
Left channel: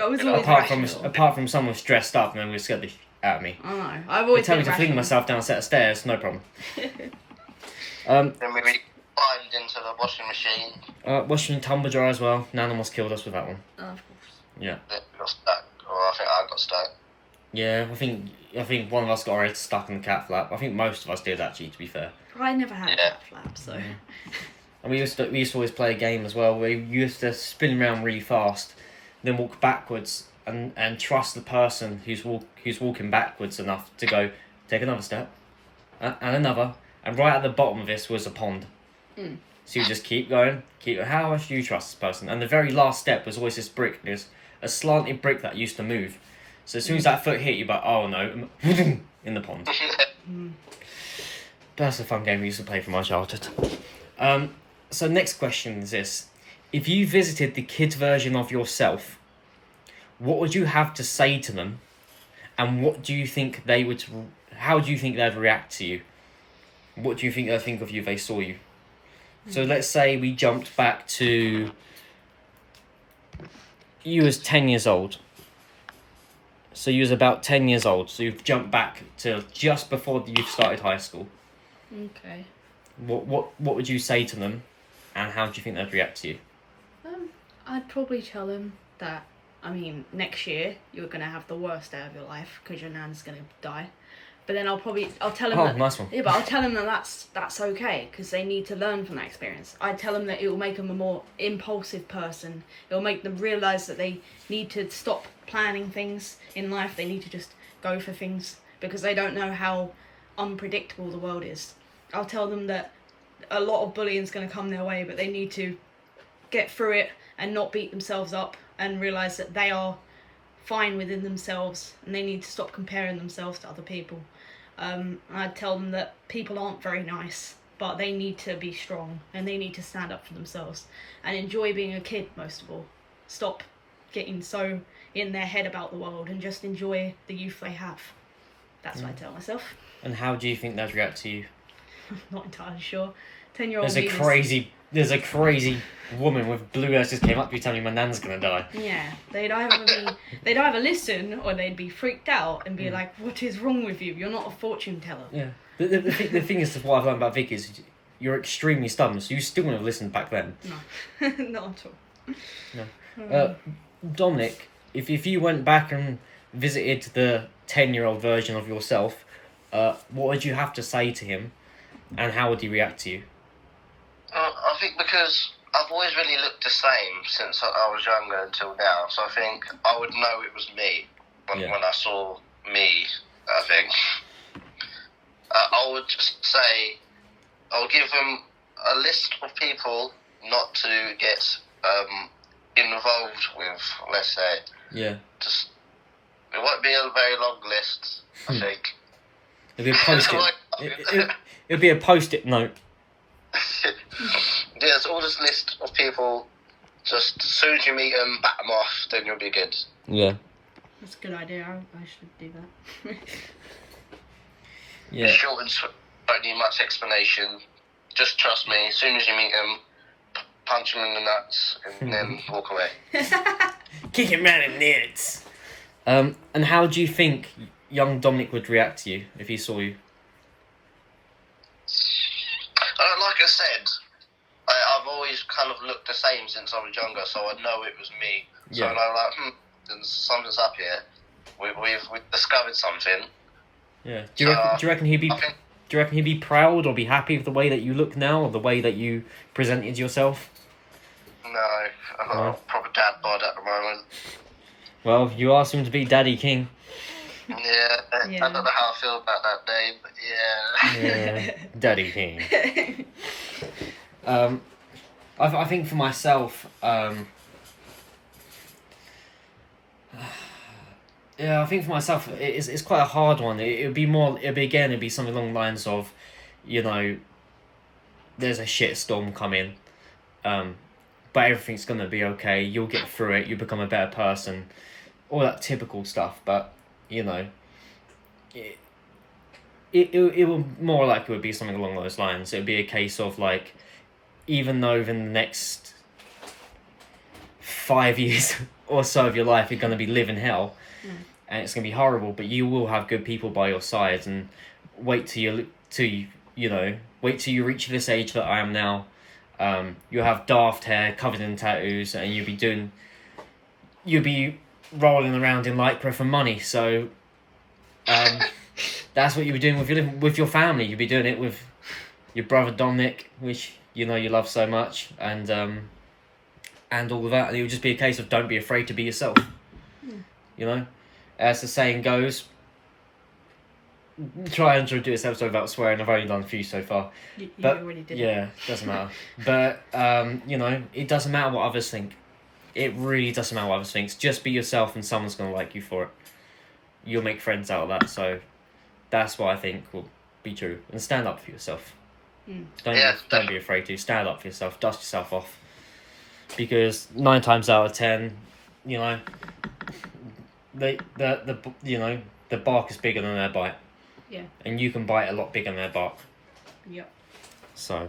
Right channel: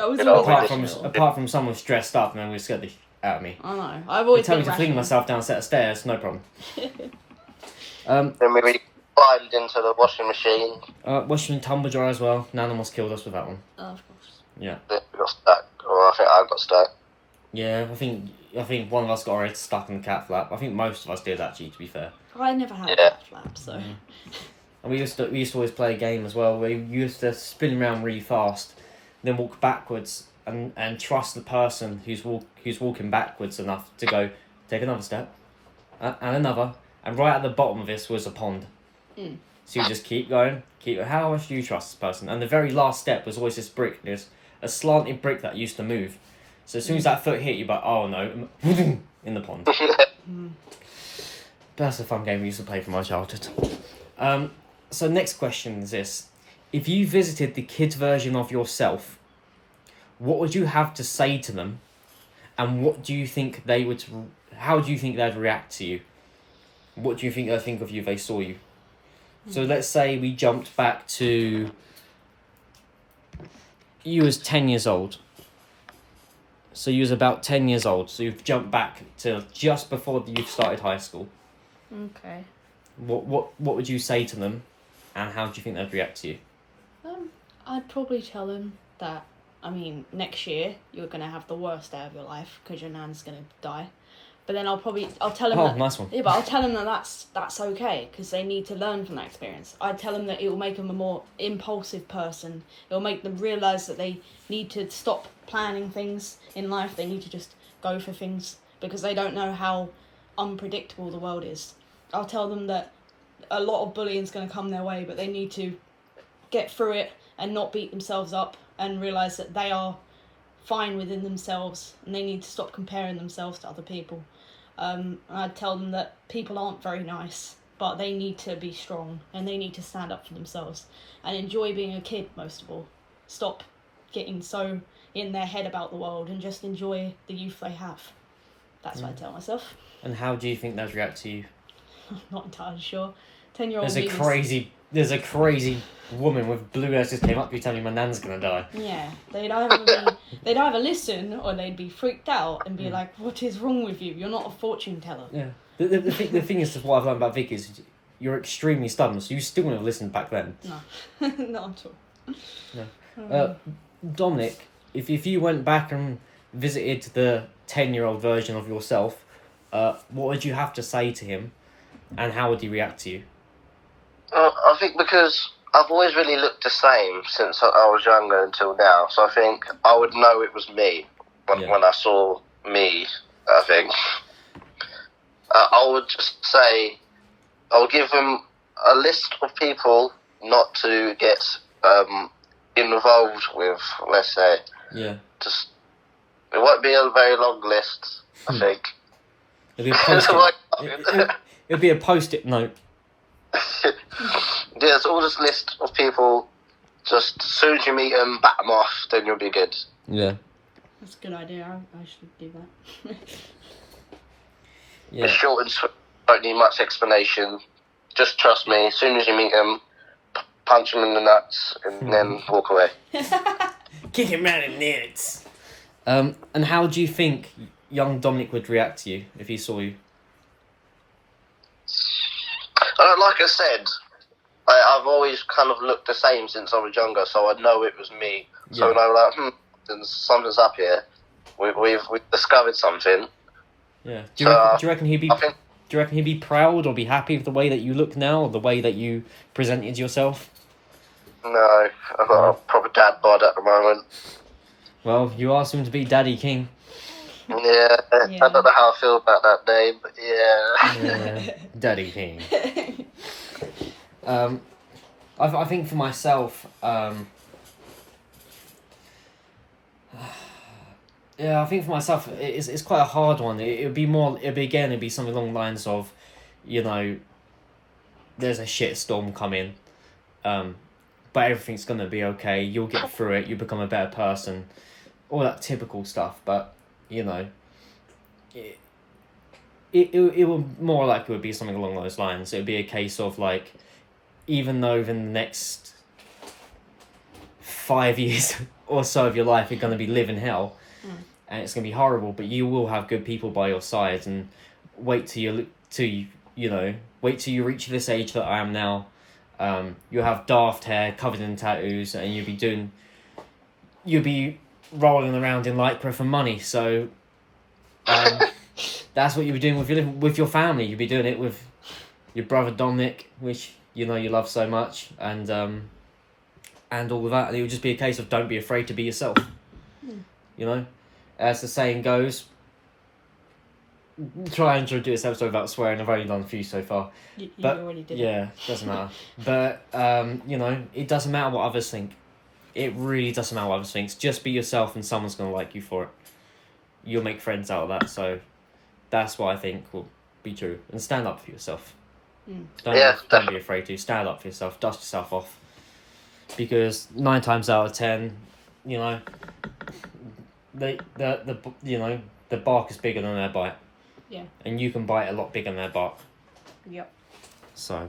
I was always apart from someone was dressed up and then we scared the out of me. I know. I've always tell me to fling myself down a set of stairs, no problem. Then we climbed into the washing machine. Washing tumble dryer as well. Nan almost killed us with that one. Oh, of course. Yeah. We got stuck, or I think I got stuck. Yeah, I think one of us got our head stuck in the cat flap. I think most of us did, actually, to be fair. I never had a cat flap, so. Yeah. And we used to always play a game as well where you used to spin around really fast, then walk backwards and trust the person who's walking backwards enough to go take another step and another, and right at the bottom of this was a pond. So you just keep going. How much do you trust this person? And the very last step was always this brick. There's a slanted brick that used to move. So as soon as that foot hit you, oh no, in the pond. That's a fun game we used to play from my childhood. So next question is this. If you visited the kids' version of yourself, what would you have to say to them? And what do you think how do you think they'd react to you? What do you think they'd think of you if they saw you? So let's say we jumped back to you was 10 years old. So you was about 10 years old. So you've jumped back to just before you've started high school. Okay. What would you say to them, and how do you think they'd react to you? I'd probably tell them that, next year you're going to have the worst day of your life because your nan's going to die. But then I'll tell them that, nice one. Yeah, but I'll tell them that that's okay because they need to learn from that experience. I'd tell them that it will make them a more impulsive person. It will make them realise that they need to stop planning things in life. They need to just go for things because they don't know how unpredictable the world is. I'll tell them that a lot of bullying's going to come their way, but they need to get through it and not beat themselves up and realise that they are fine within themselves and they need to stop comparing themselves to other people. I'd tell them that people aren't very nice, but they need to be strong and they need to stand up for themselves and enjoy being a kid most of all. Stop getting so in their head about the world and just enjoy the youth they have. That's what I tell myself. And how do you think they'd react to you? Not entirely sure. 10-year-old There's a crazy there's a crazy woman with blue eyes just came up to you telling me my nan's gonna die. Yeah, they'd either listen or they'd be freaked out and be like, "What is wrong with you? You're not a fortune teller." Yeah. The thing is, what I've learned about Vickie is you're extremely stubborn, so you still wouldn't have listened back then. No, not at all. No. Dominic, if you went back and visited the 10-year-old version of yourself, what would you have to say to him, and how would he react to you? I think because I've always really looked the same since I was younger until now, so I think I would know it was me when I saw me, I think. I would just say, I would give him a list of people not to get involved with, let's say. Yeah. Just, it won't be a very long list, I think. It'd be a post-it. It'd be a post-it note. Yeah, it's all this list of people. Just as soon as you meet them, bat them off, then you'll be good. Yeah. That's a good idea. I should do that. It's short and sweet. Don't need much explanation. Just trust me. As soon as you meet them, punch them in the nuts and then walk away. Kick him round in the nuts. And how do you think young Dominic would react to you if he saw you? Like I said, I've always kind of looked the same since I was younger, so I know it was me. So when I'm like, something's up here. We've discovered something. Yeah. Do you reckon he'd be? Do you reckon he'd be proud or be happy with the way that you look now, or the way that you presented yourself? No, I've got a proper dad bod at the moment. Well, you asked him to be Daddy King. Yeah, I don't know how I feel about that name, but yeah. Daddy King. I think for myself, it's quite a hard one. It'd be something along the lines of, there's a shit storm coming, but everything's gonna be okay. You'll get through it. You become a better person, all that typical stuff. But it will more likely would be something along those lines. It would be a case of like, even though within the next 5 years or so of your life you're going to be living hell, and it's going to be horrible, but you will have good people by your side, and wait till you reach this age that I am now. You'll have daft hair covered in tattoos, and you'll be rolling around in Lycra for money. So that's what you'll be doing with your family. You'll be doing it with your brother Dominic, which you love so much, and all of that. And it would just be a case of don't be afraid to be yourself. As the saying goes, try and do this episode without swearing. I've only done a few so far. You but already did. Yeah, doesn't matter. But it doesn't matter what others think. It really doesn't matter what others think. Just be yourself, and someone's gonna like you for it. You'll make friends out of that. So that's what I think will be true. And stand up for yourself. Don't be afraid to stand up for yourself. Dust yourself off. Because 9 times out of 10, the bark is bigger than their bite. Yeah. And you can bite a lot bigger than their bark. Yep. So,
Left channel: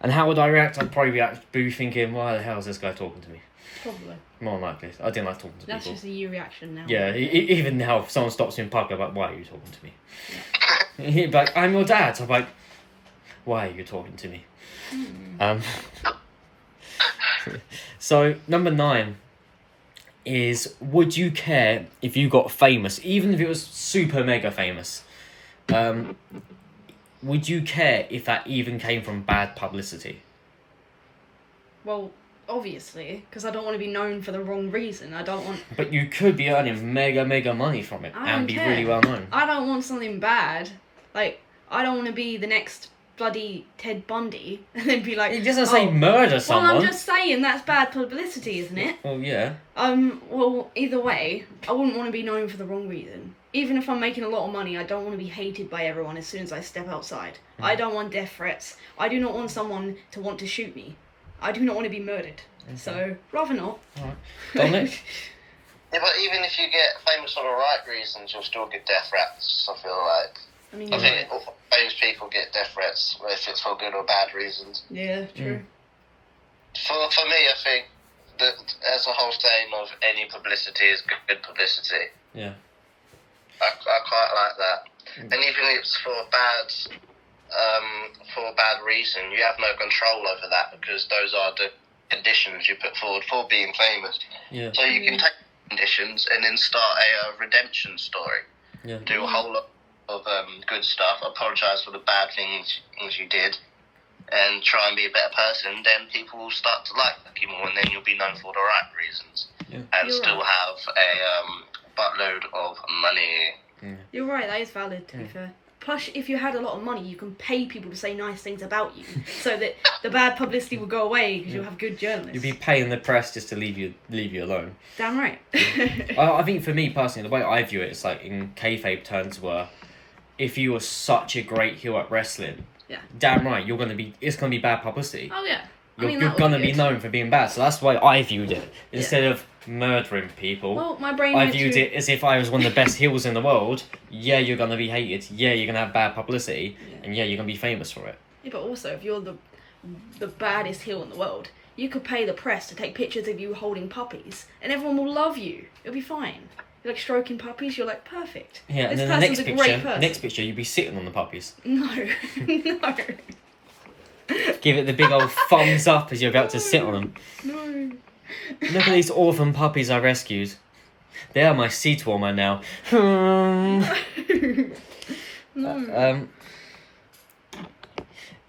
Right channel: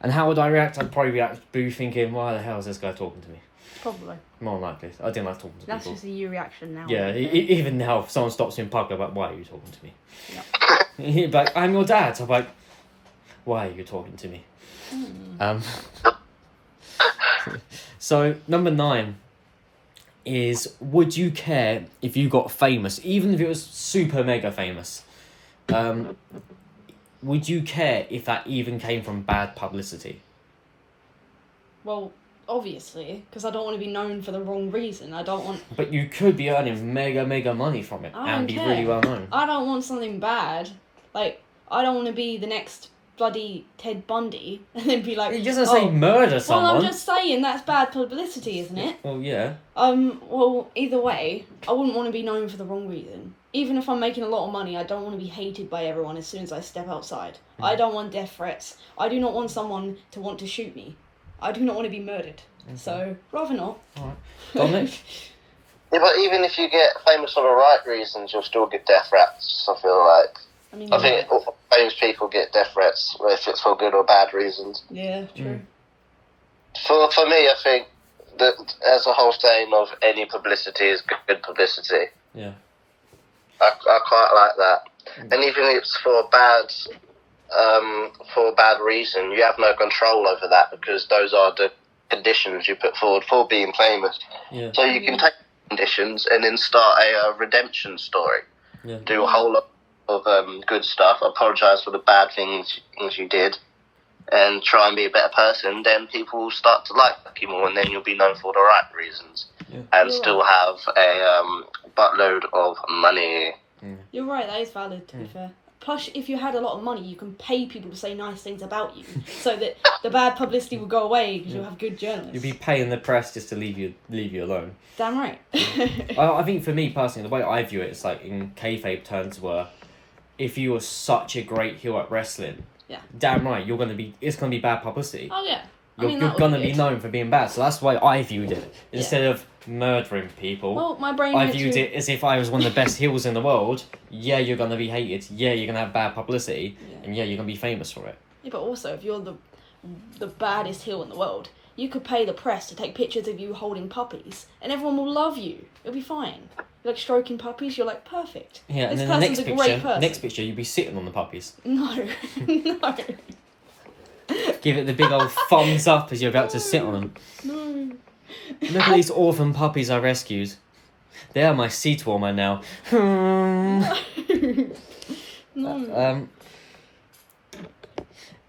and how would I react? I'd probably react boo, thinking, why the hell is this guy talking to me? Probably. More than likely. I didn't like talking to That's people. just a you reaction now. Yeah, even now, if someone stops me in public, I'm like, why are you talking to me? Yeah. He'd be like, I'm your dad. So I'm like, why are you talking to me? So, number 9 is, would you care if you got famous, even if it was super mega famous? Would you care if that even came from bad publicity? Well, obviously, because I don't want to be known for the wrong reason. I don't want... But you could be earning mega money from it and be really well known. I don't want something bad. Like, I don't want to be the next bloody Ted Bundy and then be like... It doesn't say murder someone. Well, I'm just saying that's bad publicity, isn't it? Well, yeah. Well, either way, I wouldn't want to be known for the wrong reason. Even if I'm making a lot of money, I don't want to be hated by everyone as soon as I step outside. I don't want death threats. I do not want someone to want to shoot me. I do not want to be murdered. So, rather not. Alright. Dominic? Yeah, but even if you get famous for the right reasons, you'll still get death threats, I feel like. I mean, I think all famous people get death threats, whether it's for good or bad reasons. yeah, true. For me, I think that as a whole saying of any publicity is good publicity. Yeah. I quite like that. And even if it's for a bad reason, you have no control over that because those are the conditions you put forward for being famous. Yeah. So you can take conditions and then start a redemption story. Yeah. Do a whole lot of good stuff, apologise for the bad things you did, and try and be a better person. Then people will start to like you more, and then you'll be known for the right reasons, and You're still have a buttload of money. You're right, that is valid, to be fair. Plus, if you had a lot of money, you can pay people to say nice things about you, so that the bad publicity will go away because you'll have good journalists. You'd be paying the press just to leave you alone. Damn right. I think for me personally, the way I view it is like in kayfabe terms were, if you were such a great heel at wrestling, damn right, it's gonna be bad publicity. Oh yeah. You're gonna be known for being bad, so that's the way I viewed it. Instead of murdering people, well, my brain I went viewed to... it as if I was one of the best heels in the world. Yeah, you're gonna be hated. Yeah, you're gonna have bad publicity, and yeah, you're gonna be famous for it. Yeah, but also, if you're the baddest heel in the world, you could pay the press to take pictures of you holding puppies, and everyone will love you. It'll be fine. You're like stroking puppies. You're like perfect. Yeah, and this then the person's a great person. next picture, you'd be sitting on the puppies. No, no, Give it the big old thumbs up as you're about to sit on them. no. Look at these orphan puppies I rescued. They are my seat warmer now. No.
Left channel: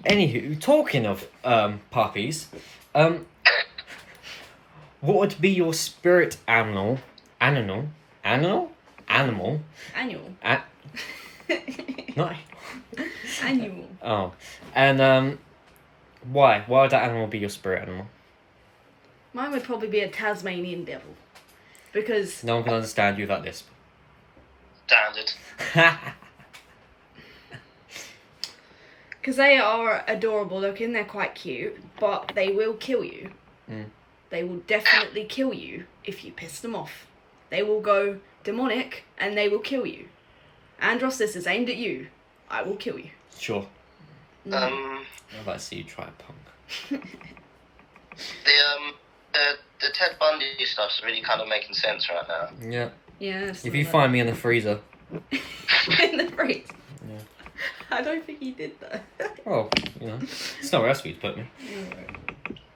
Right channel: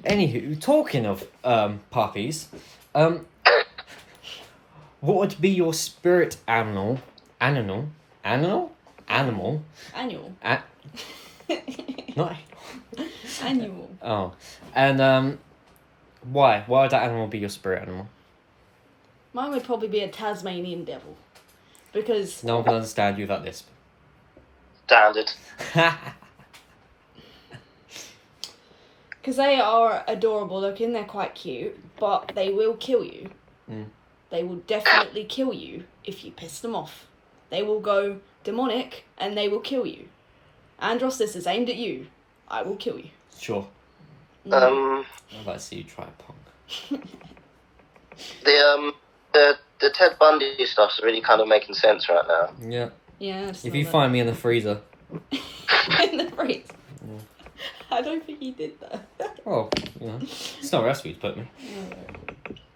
Anywho, talking of puppies, what would be your spirit animal? Animal? Annual. Not. Annual. Oh, and why? Why would that animal be your spirit animal? Mine would probably be a Tasmanian devil, because No one can understand you without lisp. Standard. they are adorable looking. They're quite cute, but they will kill you. They will definitely kill you if you piss them off. They will go demonic and they will kill you. Andros, this is aimed at you. I will kill you. Sure. Um, I'd like to see you try a punk. the Ted Bundy stuff's really kind of making sense right now. Yeah. Yeah. If you find me in the freezer. in the freeze. Yeah. I don't think he did that. Well, it's nowhere else for you to put me.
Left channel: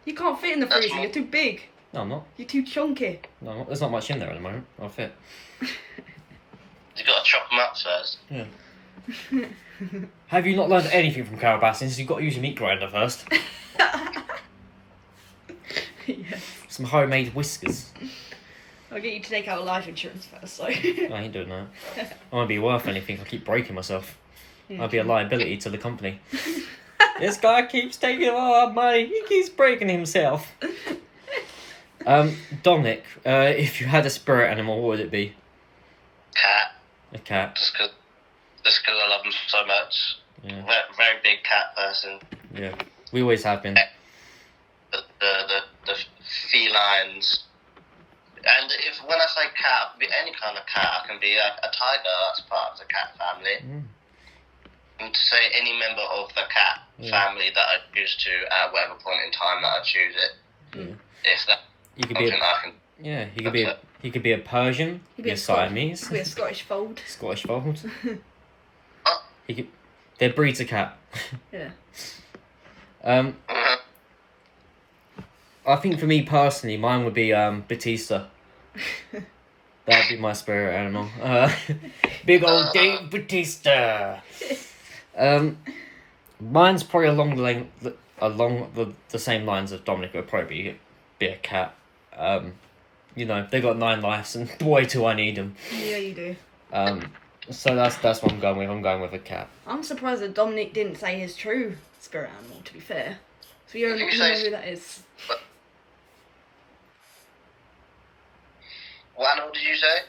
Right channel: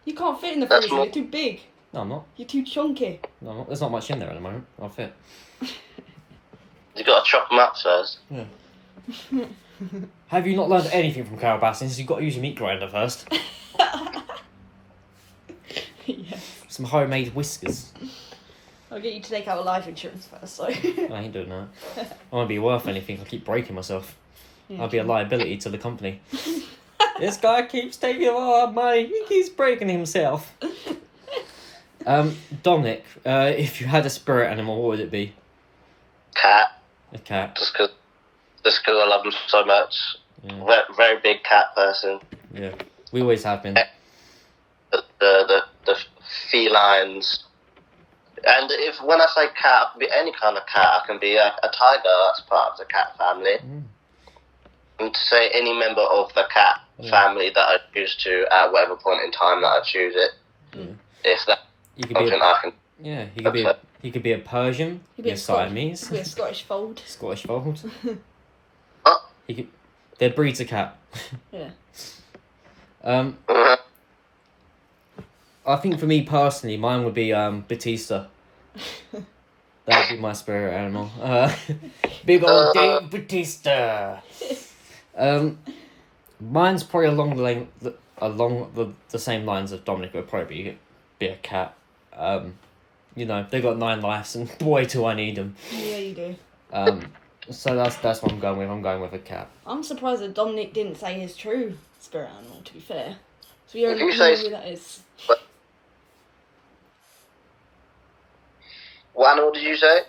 You can't fit in the freezer. You're too big. No, I'm not. You're too chunky. No, I'm not. There's not much in there at the moment. I'll fit. You got to chop them up first. Yeah. Have you not learned anything from Carol Bassins? You've got to use a meat grinder first. Yes. Some homemade whiskers. I'll get you to take out a life insurance first, so. I ain't doing that. I won't be worth anything. I keep breaking myself. I'll be a liability to the company. This guy keeps taking all our money. He keeps breaking himself. Dominic, if you had a spirit animal, what would it be? Cat. A cat. Just because I love them so much. Yeah. Very big cat person. Yeah. We always have been. The felines. And when I say cat, it can be any kind of cat. I can be a tiger, that's part of the cat family. And to say any member of the cat family that I choose to at whatever point in time that I choose it. Yeah. If that You could be I can... Yeah, he could be a Persian, he could be a Siamese. He could be a Scottish fold. Scottish fold. They're breeds of cat. Yeah. I think for me personally, mine would be Batista. That would be my spirit animal. Big old Dave Batista. Mine's probably along the same lines of Dominic. It would probably be a cat. They got 9 lives, and boy, do I need them. Yeah, you do. So that's what I'm going with. I'm going with a cat. I'm surprised that Dominic didn't say his true spirit animal, to be fair. So you don't know who that is. What animal did you say?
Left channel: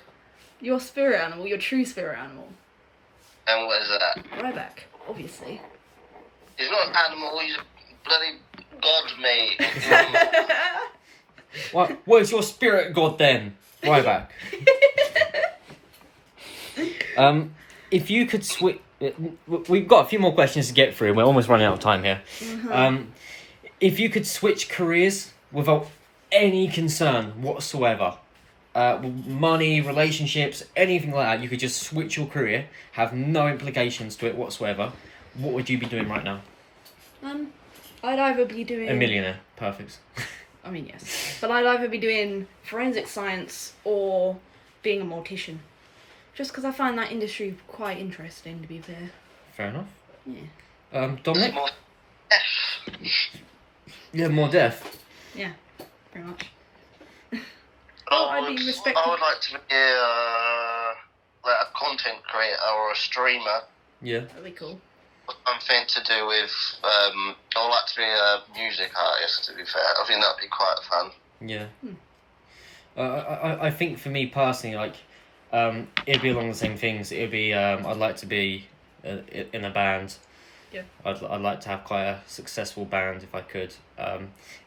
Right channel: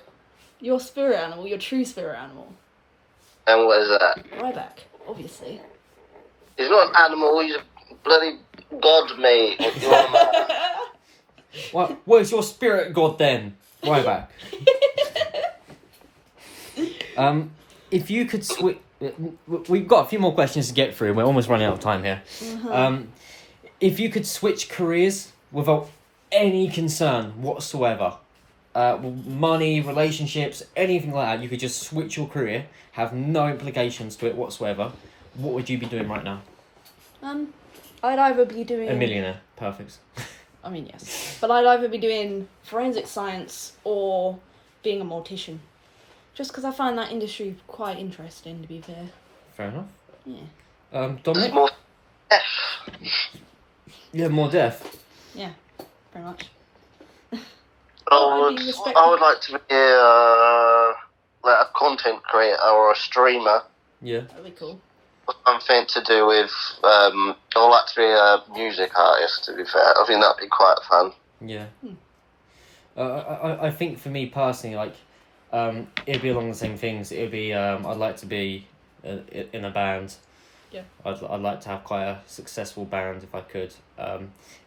Your spirit animal, your true spirit animal. And what is that? Ryback, obviously. He's not an animal, he's a bloody god, mate. What is your spirit god then? Ryback. If you could switch... We've got a few more questions to get through, and we're almost running out of time here. if you could switch careers without any concern whatsoever, money, relationships, anything like that, you could just switch your career, have no implications to it whatsoever, what would you be doing right now? I'd either be doing... A millionaire. Perfect. I mean, yes. But I'd either be doing forensic science or being a mortician. Just because I find that industry quite interesting, to be fair. Fair enough. Yeah. Dominic? More death. Yeah, more death. Yeah, pretty much. I I'd be respected. would like to be like a content creator or a streamer. Yeah. That'd be cool. Something to do with, I would like to be a music artist, to be fair. I think that'd be quite fun. Yeah. I think for me personally, like, it'd be along the same things. It'd be, I'd like to be in a band. Yeah. I'd like to have quite a successful band if I could.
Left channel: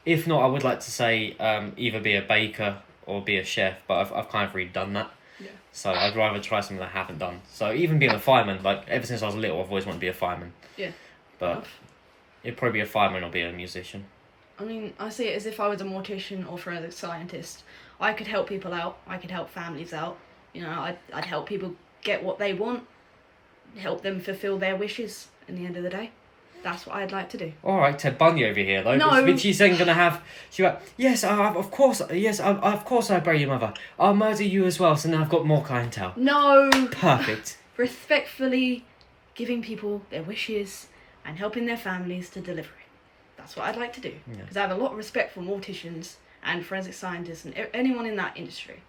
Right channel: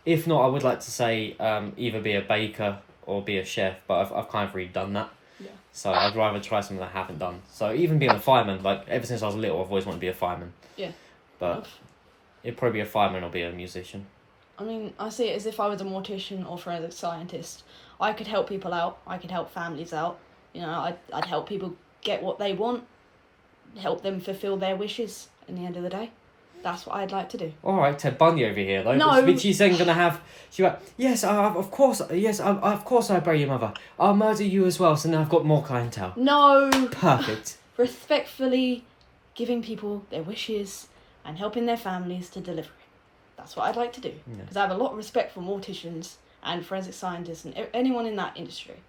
If not, I would like to say either be a baker or be a chef, but I've kind of already done that. Yeah. So I'd rather try something I haven't done. So even being a fireman, like ever since I was little, I've always wanted to be a fireman. Yeah. But it'd probably be a fireman or be a musician. I mean, I see it as if I was a mortician or forensic scientist. I could help people out. I could help families out. You know, I'd help people get what they want, help them fulfill their wishes in the end of the day. That's what I'd like to do. All right, Ted Bundy over here though. No. Vickie's then gonna have. She went, yes, of course, yes, of course I bury your mother. I'll murder you as well. So now I've got more clientele. No. Perfect. Respectfully giving people their wishes and helping their families to deliver it. That's what I'd like to do. Because I have a lot of respect for morticians and forensic scientists and anyone in that industry.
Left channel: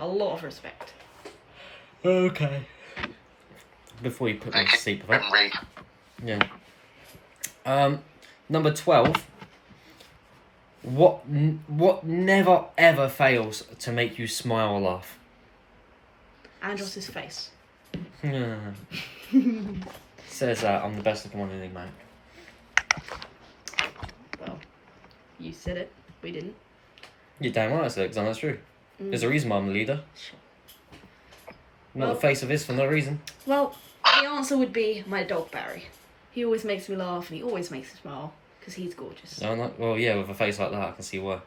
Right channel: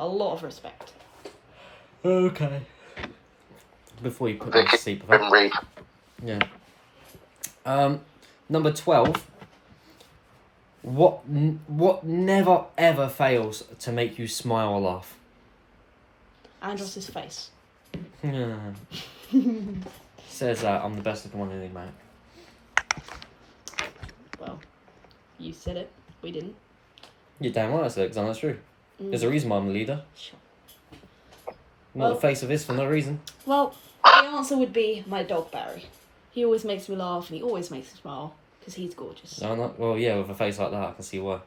A lot of respect. Okay. Before you put me to sleep, yeah. Number 12. What never ever fails to make you smile or laugh? Andros's face. Yeah. Says I'm the best looking one in Enigmatic. Well, you said it. We didn't. You're damn right I said it, because that's true. There's a reason why I'm the leader. Sure. Not the face of this for no reason. Well, the answer would be my dog Barry. He always makes me laugh and he always makes me smile because he's gorgeous. No, not well. Yeah, with a face like that, I can see why.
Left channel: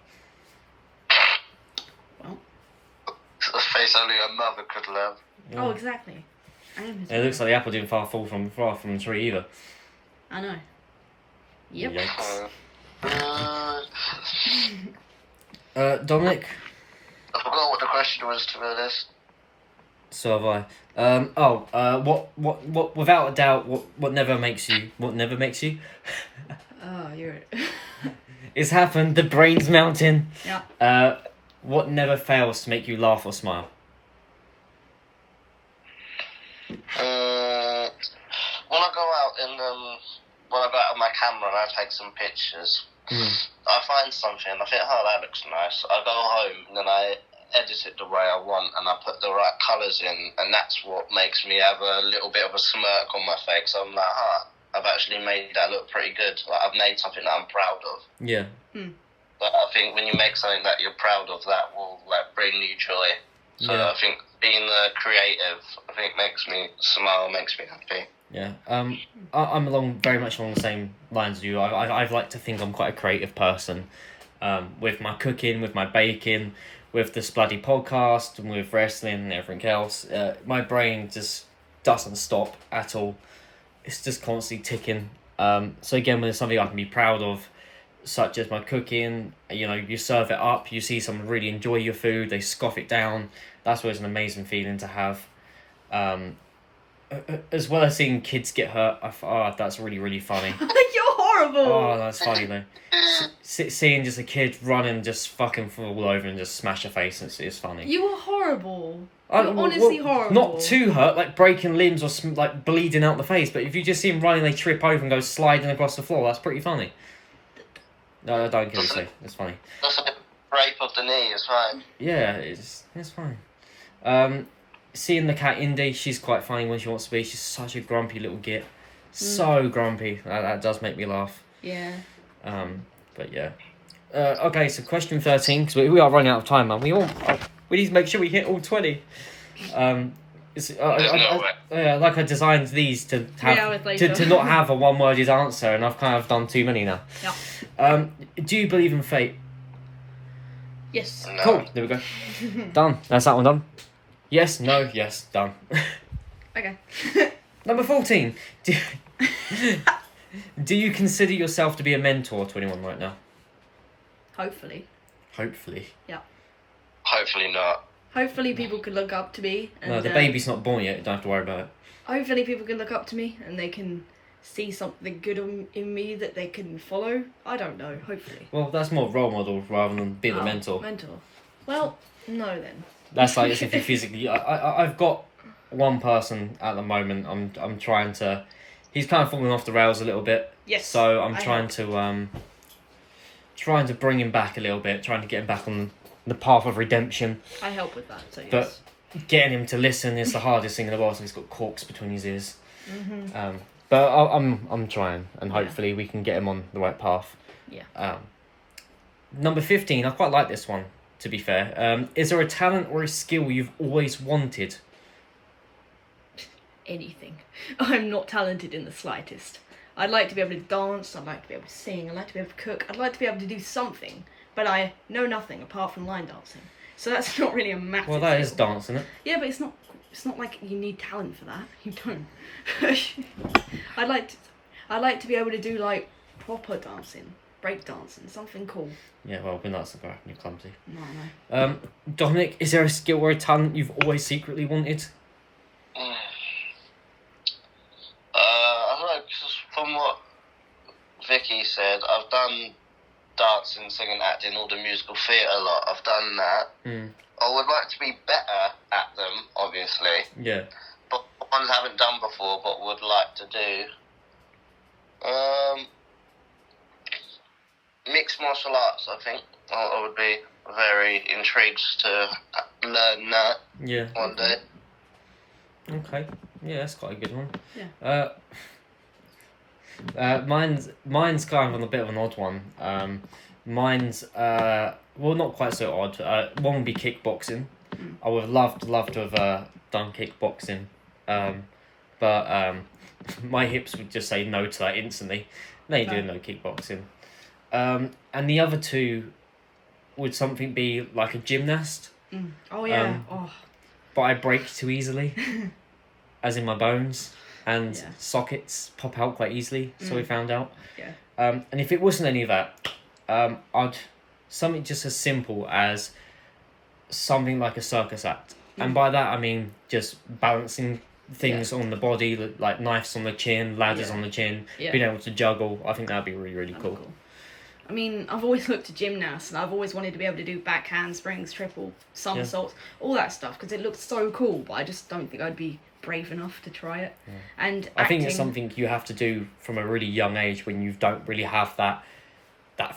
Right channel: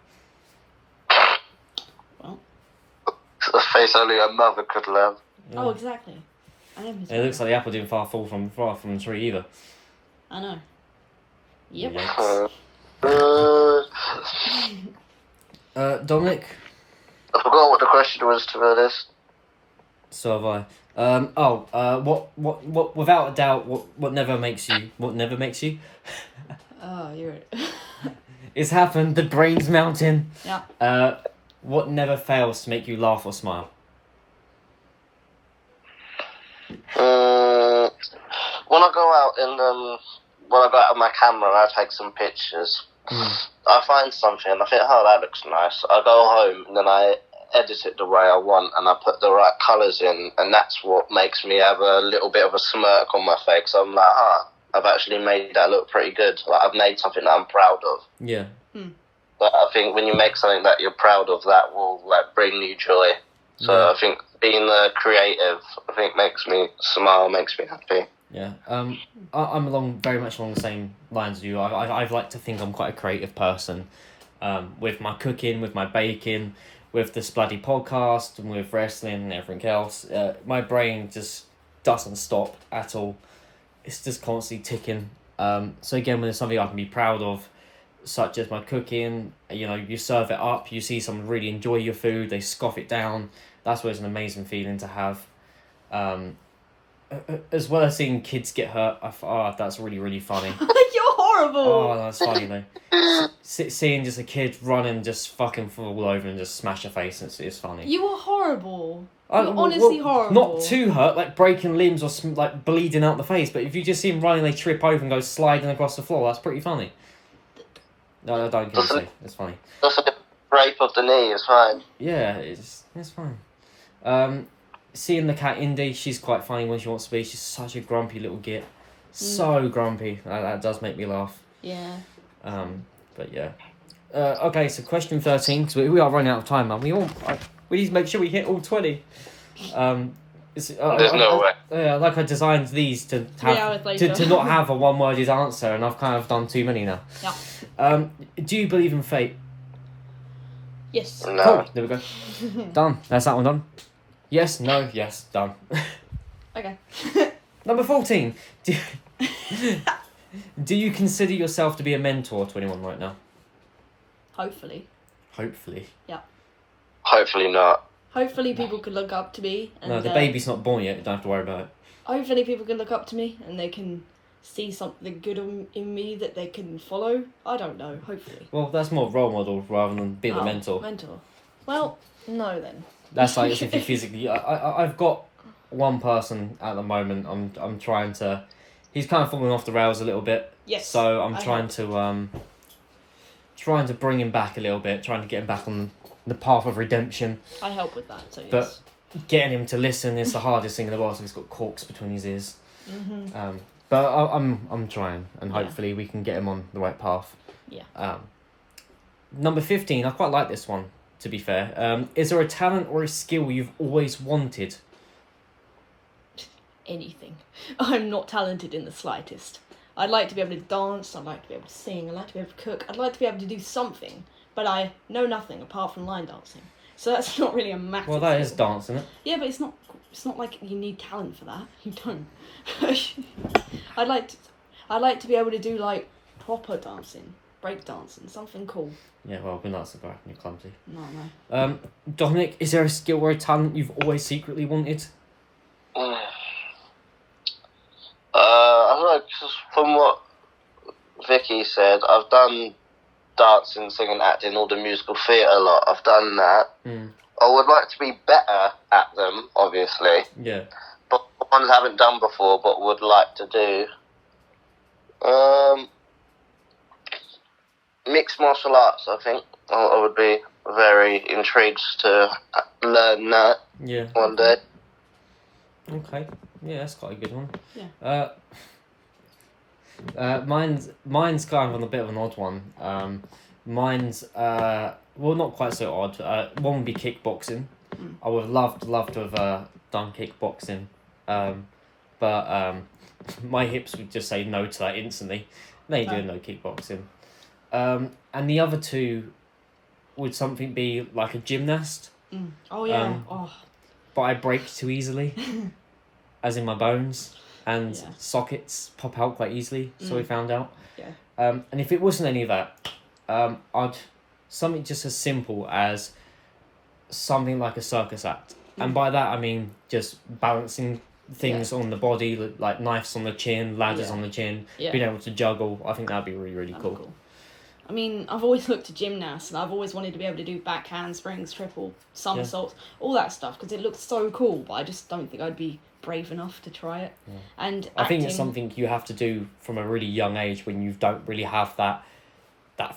Well, A face only a mother could love. Yeah. oh, exactly. I am his It looks like the apple didn't fall from the tree either. I know. Yep. Yikes. Dominic. I forgot what the question was, to be honest. So have I. What? Without a doubt, what never makes you? What never makes you? Oh, you're... It's happened. The brain's mounting. Yeah. What never fails to make you laugh or smile? When I go out when I go out with my camera and I take some pictures, I find something and I think, oh, that looks nice. I go home and then I edit it the way I want and I put the right colours in, and that's what makes me have a little bit of a smirk on my face. I'm like, I've actually made that look pretty good. Like, I've made something that I'm proud of. Yeah. But I think when you make something that you're proud of, that will bring you joy. So Yeah. I think being creative, I think makes me smile, makes me happy. Yeah. I'm very much along the same lines as you. I've like to think I'm quite a creative person. With my cooking, with my baking, with this bloody podcast, and with wrestling and everything else. My brain just doesn't stop at all. It's just constantly ticking. So again, when there's something I can be proud of, such as my cooking, you serve it up, you see someone really enjoy your food, they scoff it down. That's always an amazing feeling to have. As well as seeing kids get hurt, that's really, really funny. You're horrible! Oh, that's funny though. Seeing just a kid run and just fucking fall over and just smash a face, it's funny. You are horrible. You're honestly horrible. Not too hurt, like breaking limbs or like bleeding out the face, but if you just see them running, they trip over and go sliding across the floor, that's pretty funny. No, don't kill yourself. It's funny. Just a bit of rape of the knee is fine. Yeah, it's fine. Seeing the cat Indy, she's quite funny when she wants to be. She's such a grumpy little git. So grumpy. That does make me laugh. Yeah. But yeah. Okay, so question 13, because we are running out of time, man. We need to make sure we hit all 20. It's, There's no way. like I designed these to 3 hours have later. to not have a one-worded answer, and I've kind of done too many now. Yeah. Do you believe in fate? Yes. No. Cool. There we go. Done. That's that one done. Yes. No. Yes. Done. Okay. Number 14. Do you consider yourself to be a mentor to anyone right now? Hopefully. Hopefully. Hopefully not. Hopefully people could look up to me. And, No, the baby's not born yet. You don't have to worry about it. Hopefully people can look up to me and they can see something good in me that they can follow. I don't know. Hopefully. Well, that's more role model rather than being a mentor. Mentor. Well, no then. That's like as if you physically. I've got one person at the moment. I'm trying to. He's kind of falling off the rails a little bit. Yes. So I'm I trying to bring him back a little bit, trying to get him back on the path of redemption. I help with that. So yes. But getting him to listen is the hardest thing in the world. So he's got corks between his ears. Mm-hmm. But I'm trying, and hopefully we can get him on the right path. Yeah. Number 15. I quite like this one. To be fair, is there a talent or a skill you've always wanted? Anything. I'm not talented in the slightest. I'd like to be able to dance, I'd like to be able to sing, I'd like to be able to cook, I'd like to be able to do something, but I know nothing apart from line dancing. So that's not really a massive Well, that skill. is dance, isn't it? Yeah, but it's not like you need talent for that. You don't. I'd like to be able to do like proper dancing, break dancing, something cool. Yeah, well, we're not so bad and you're clumsy. No. Dominic, is there a skill or a talent you've always secretly wanted? I don't know, just from what Vickie said, I've done dancing, singing, acting, all the musical theatre a lot. I've done that. I would like to be better at them, obviously. Yeah. But ones I haven't done before, but would like to do. Mixed martial arts, I think. I would be very intrigued to learn that one day. Okay. Yeah, that's quite a good one. Yeah. Mine's kind of on a bit of an odd one. Mine's well, not quite so odd. One would be kickboxing. I would have loved to have done kickboxing, but my hips would just say no to that instantly. They do no kickboxing. And the other two would something be like a gymnast. Oh yeah. But I break too easily, as in my bones, and sockets pop out quite easily. So we found out. Yeah. And if it wasn't any of that, I'd something just as simple as something like a circus act, and by that I mean just balancing things on the body, like knives on the chin, ladders on the chin, being able to juggle. I think that'd be really cool. I mean, I've always looked at gymnasts and I've always wanted to be able to do back handsprings, triple somersaults, all that stuff, because it looks so cool, but I just don't think I'd be brave enough to try it. Yeah. And I think it's something you have to do from a really young age when you don't really have that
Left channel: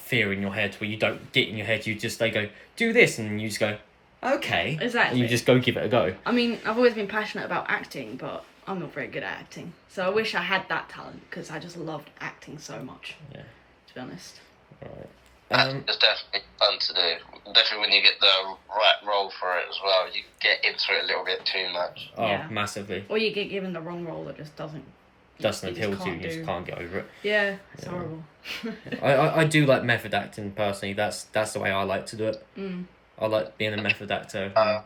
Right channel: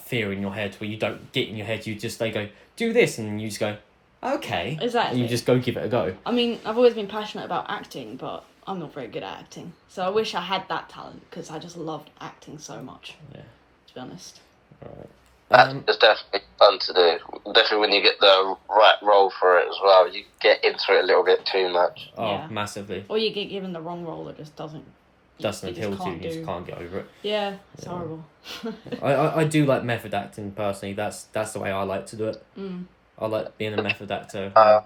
fear in your head, where you don't get in your head, they go, do this, and you just go, okay. Exactly. And you just go give it a go. I mean, I've always been passionate about acting, but I'm not very good at acting. So I wish I had that talent, because I just loved acting so much. Yeah. To be honest. Right. It's definitely fun to do. Definitely when you get the right role for it as well. You get into it a little bit too much. Oh, massively. Or you get given the wrong role that just doesn't appeal to you, you just can't get over it. Yeah, it's horrible. I do like method acting personally. That's the way I like to do it. I like being a method actor.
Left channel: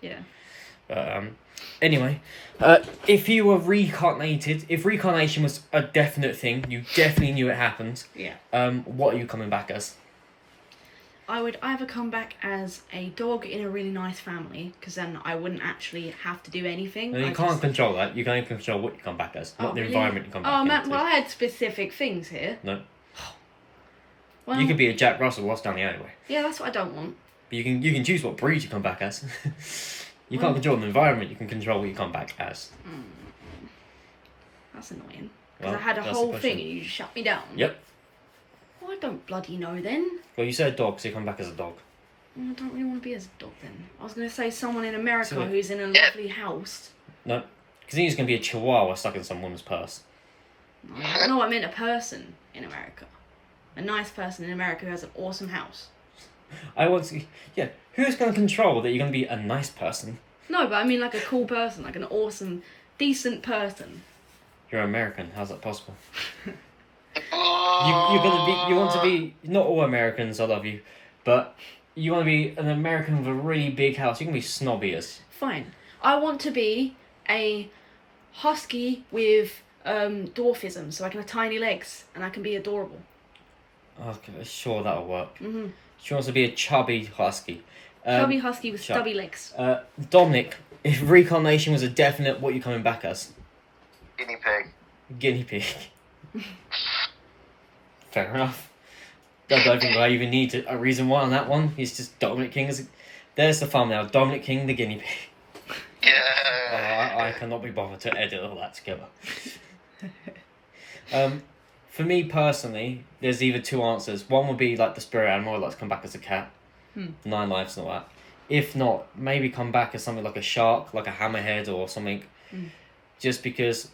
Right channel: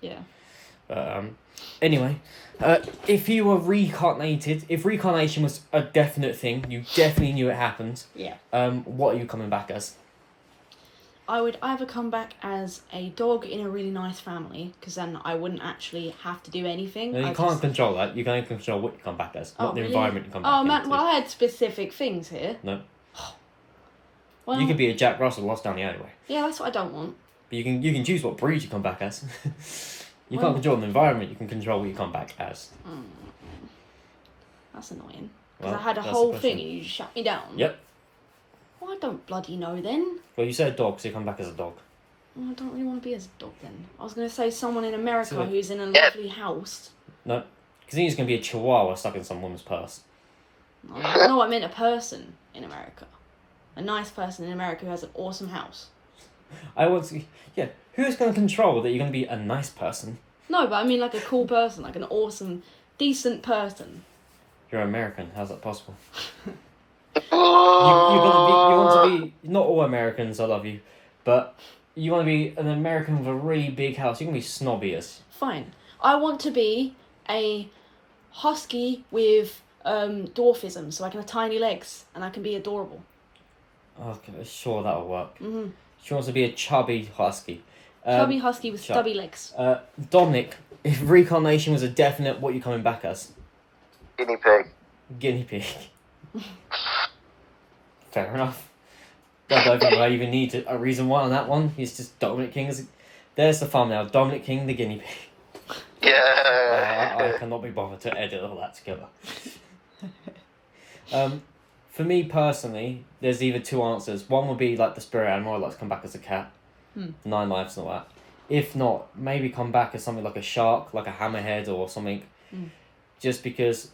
Yeah. Anyway, if you were reincarnated, if reincarnation was a definite thing, you definitely knew it happened. Yeah. What are you coming back as? I would either come back as a dog in a really nice family, because then I wouldn't actually have to do anything. No, you can't control that. You can only control what you come back as, not the environment you come back into. Well, I had specific things here. No. Well, You could be a Jack Russell lost down the alleyway. Yeah, that's what I don't want. But you can choose what breed you come back as. You can't control the environment, you can control what you come back as. That's annoying. Because Well, I had a that's whole the question. thing and you just shut me down. Yep. Well, I don't bloody know then. Well, you said dog, so you come back as a dog. Well, I don't really want to be as a dog then. I was going to say someone in America So, who's in a lovely house. No, because he's going to be a chihuahua stuck in some woman's purse. No, I meant a person in America. A nice person in America who has an awesome house. I want to... Yeah, who's going to control that you're going to be a nice person? No, but I mean like a cool person, like an awesome, decent person. You're American. How's that possible? You want to be not all Americans. I love you, but you want to be an American with a really big house. You can be snobby as. Fine. I want to be a husky with dwarfism, so I can have tiny legs and I can be adorable. Okay, sure that'll work. Mm-hmm. She wants to be a chubby husky. Chubby husky with stubby legs. Dominic, if reincarnation was a definite, what are you coming back as? Guinea pig. Guinea pig. Fair enough. I don't think I even need a reason why on that one. He's just Dominic King. There's the thumbnail. Dominic King, the guinea pig. Yeah. I cannot be bothered to edit all that together. For me personally, there's either two answers. One would be like the spirit animal. I'd like to come back as a cat. 9 lives and all that. If not, maybe come back as something like a shark, like a hammerhead or something. Just because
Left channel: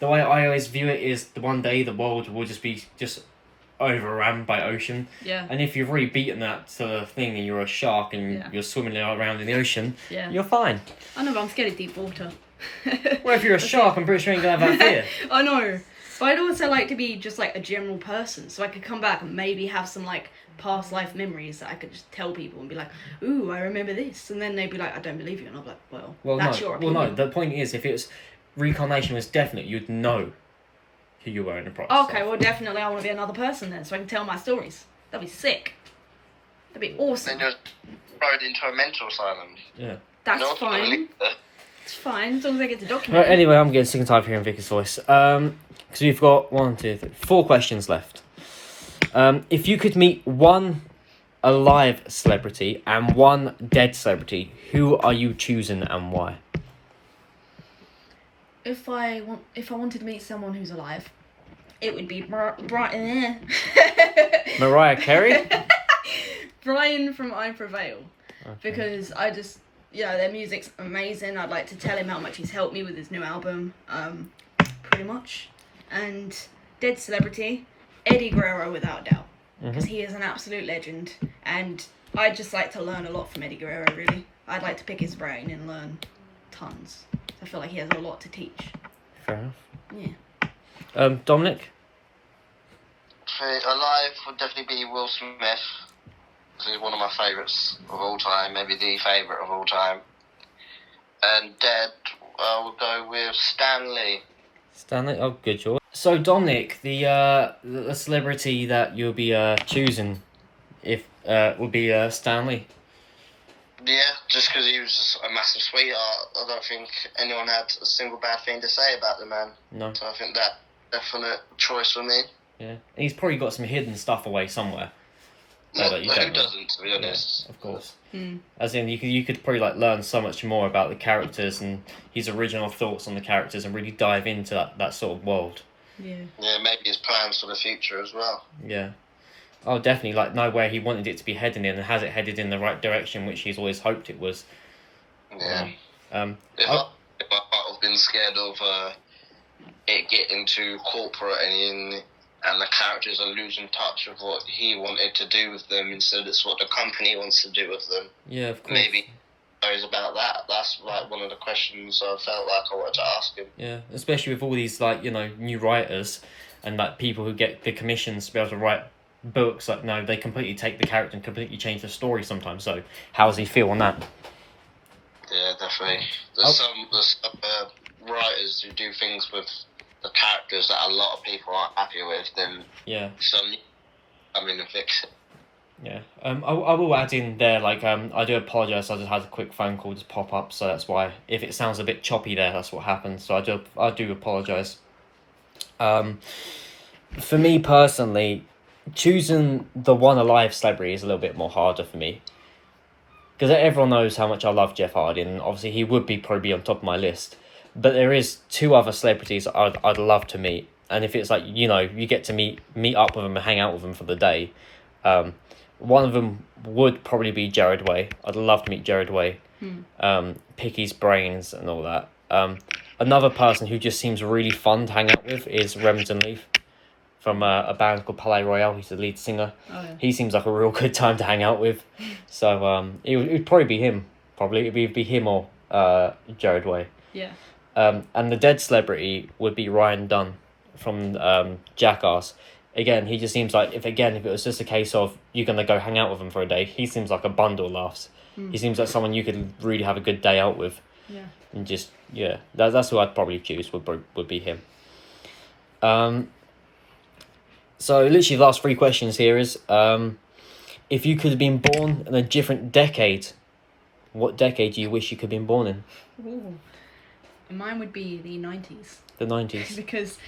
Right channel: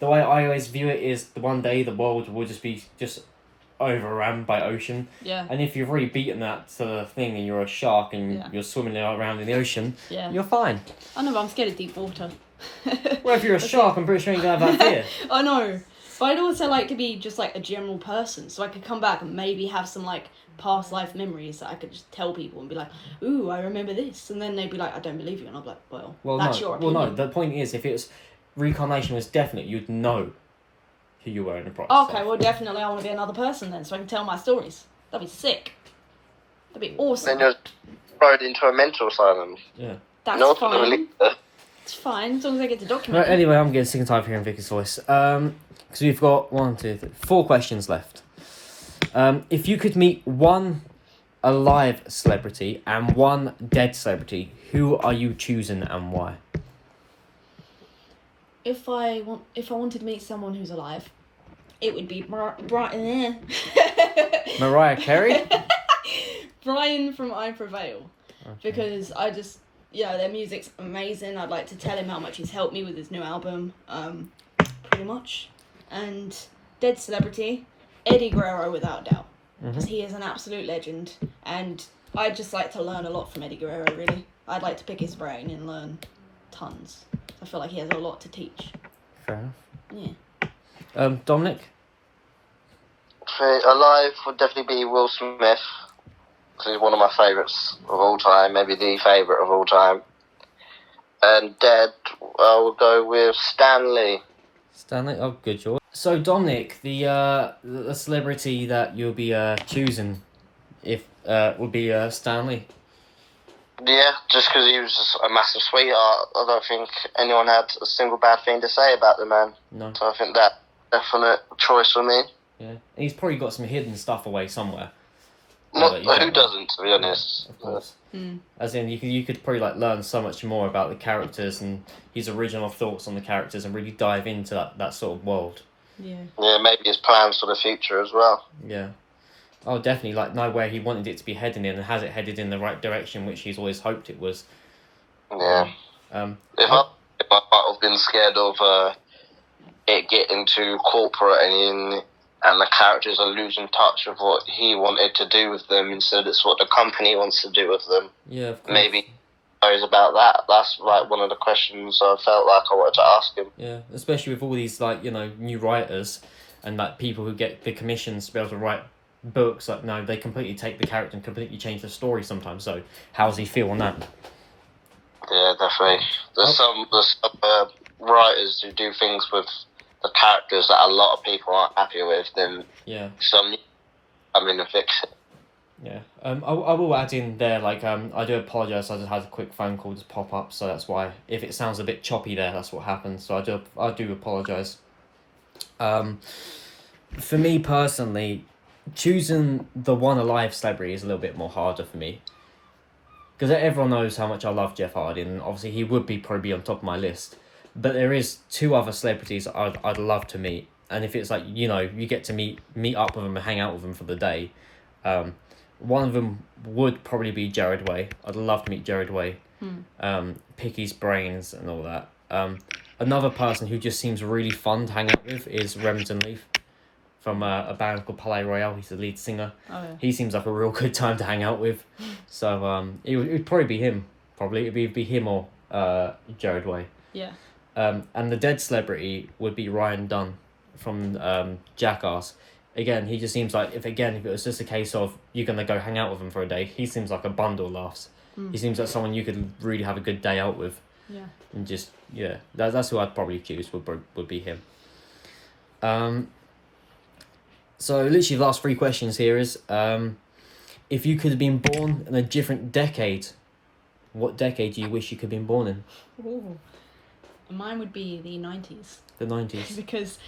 the way I always view it is the one day the world will just be overrun by ocean. Yeah. And if you've already beaten that to the thing and you're a shark and you're swimming around in the ocean, you're fine. I know, but I'm scared of deep water. Well, if you're a shark, I'm pretty sure you ain't gonna have that fear. I know. But I'd also like to be just like a general person, so I could come back and maybe have some like past life memories that I could just tell people and be like, ooh, I remember this. And then they'd be like, I don't believe you. And I'm like, well that's your opinion. Well, no, the point is, if it was reincarnation was definite, you'd know who you were in the process. Okay, well, definitely I want to be another person then, so I can tell my stories. That'd be sick. That'd be awesome. Then you're thrown into a mental asylum. Yeah. That's fine. It's fine, as long as I get to document Right, anyway, I'm getting sick and tired of hearing Vickie's voice. Because we've got 1, 2, 3, 4 questions left. If you could meet one alive celebrity and one dead celebrity, who are you choosing and why? If I wanted to meet someone who's alive, it would be Brian. Mariah Carey? Brian from I Prevail. Okay. Because I just, their music's amazing. I'd like to tell him how much he's helped me with his new album, pretty much. And dead celebrity, Eddie Guerrero without doubt. Because he is an absolute legend. And I'd just like to learn a lot from Eddie Guerrero, really. I'd like to pick his brain and learn tons. I feel like he has a lot to teach. Fair enough. Yeah. Dominic? Alive would definitely be Will Smith. Because he's one of my favourites of all time. Maybe the favourite of all time. And dead, I will go with Stanley. Stanley? Oh, good choice. So, Dominic, the celebrity that you'll be choosing would be Stanley. Yeah, just because he was just a massive sweetheart. I don't think anyone had a single bad thing to say about the man. No. So I think that definite choice for me. Yeah. And he's probably got some hidden stuff away somewhere. Who that you don't know. doesn't, to be honest? Yeah, of course. As in, you could probably learn so much more about the characters and his original thoughts on the characters and really dive into that sort of world. Yeah. Yeah, maybe his plans for the future as well. Yeah. Oh, definitely, know where he wanted it to be heading in and has it headed in the right direction, which he's always hoped it was. Yeah. If I might have been scared of it getting too corporate and the characters are losing touch of what he wanted to do with them instead it's what the company wants to do with them. Yeah, of course. Maybe knows about that. That's one of the questions I felt like I wanted to ask him. Yeah, especially with all these new writers and people who get the commissions to be able to write books. They completely take the character and completely change the story sometimes. So how does he feel on that? Yeah, definitely. There's some writers who do things with the characters that a lot of people aren't happy with. Then some come in and fix it. Yeah. I will add in there, I do apologise, I just had a quick phone call just pop up, so that's why, if it sounds a bit choppy there, that's what happened, so I do apologise. For me personally, choosing the one alive celebrity is a little bit more harder for me. Because everyone knows how much I love Jeff Hardy, and obviously he would probably be on top of my list. But there is 2 other celebrities I'd love to meet, and if it's you get to meet up with them and hang out with them for the day, one of them would probably be Jared Way. I'd love to meet Jared Way, pick his brains and all that. Another person who just seems really fun to hang out with is Remington Leaf from a band called Palais Royale. He's the lead singer. Oh, yeah. He seems like a real good time to hang out with. So it would probably be him. Probably it'd be him or Jared Way. Yeah. And the dead celebrity would be Ryan Dunn from Jackass. Again, he just seems like if it was just a case of you're gonna go hang out with him for a day, he seems like a bundle of laughs. He seems like someone you could really have a good day out with. Yeah. And just that's who I'd probably choose. Would be him. So literally the last 3 questions here is if you could have been born in a different decade, what decade do you wish you could have been born in? Ooh. Mine would be the 90s. The 90s. Because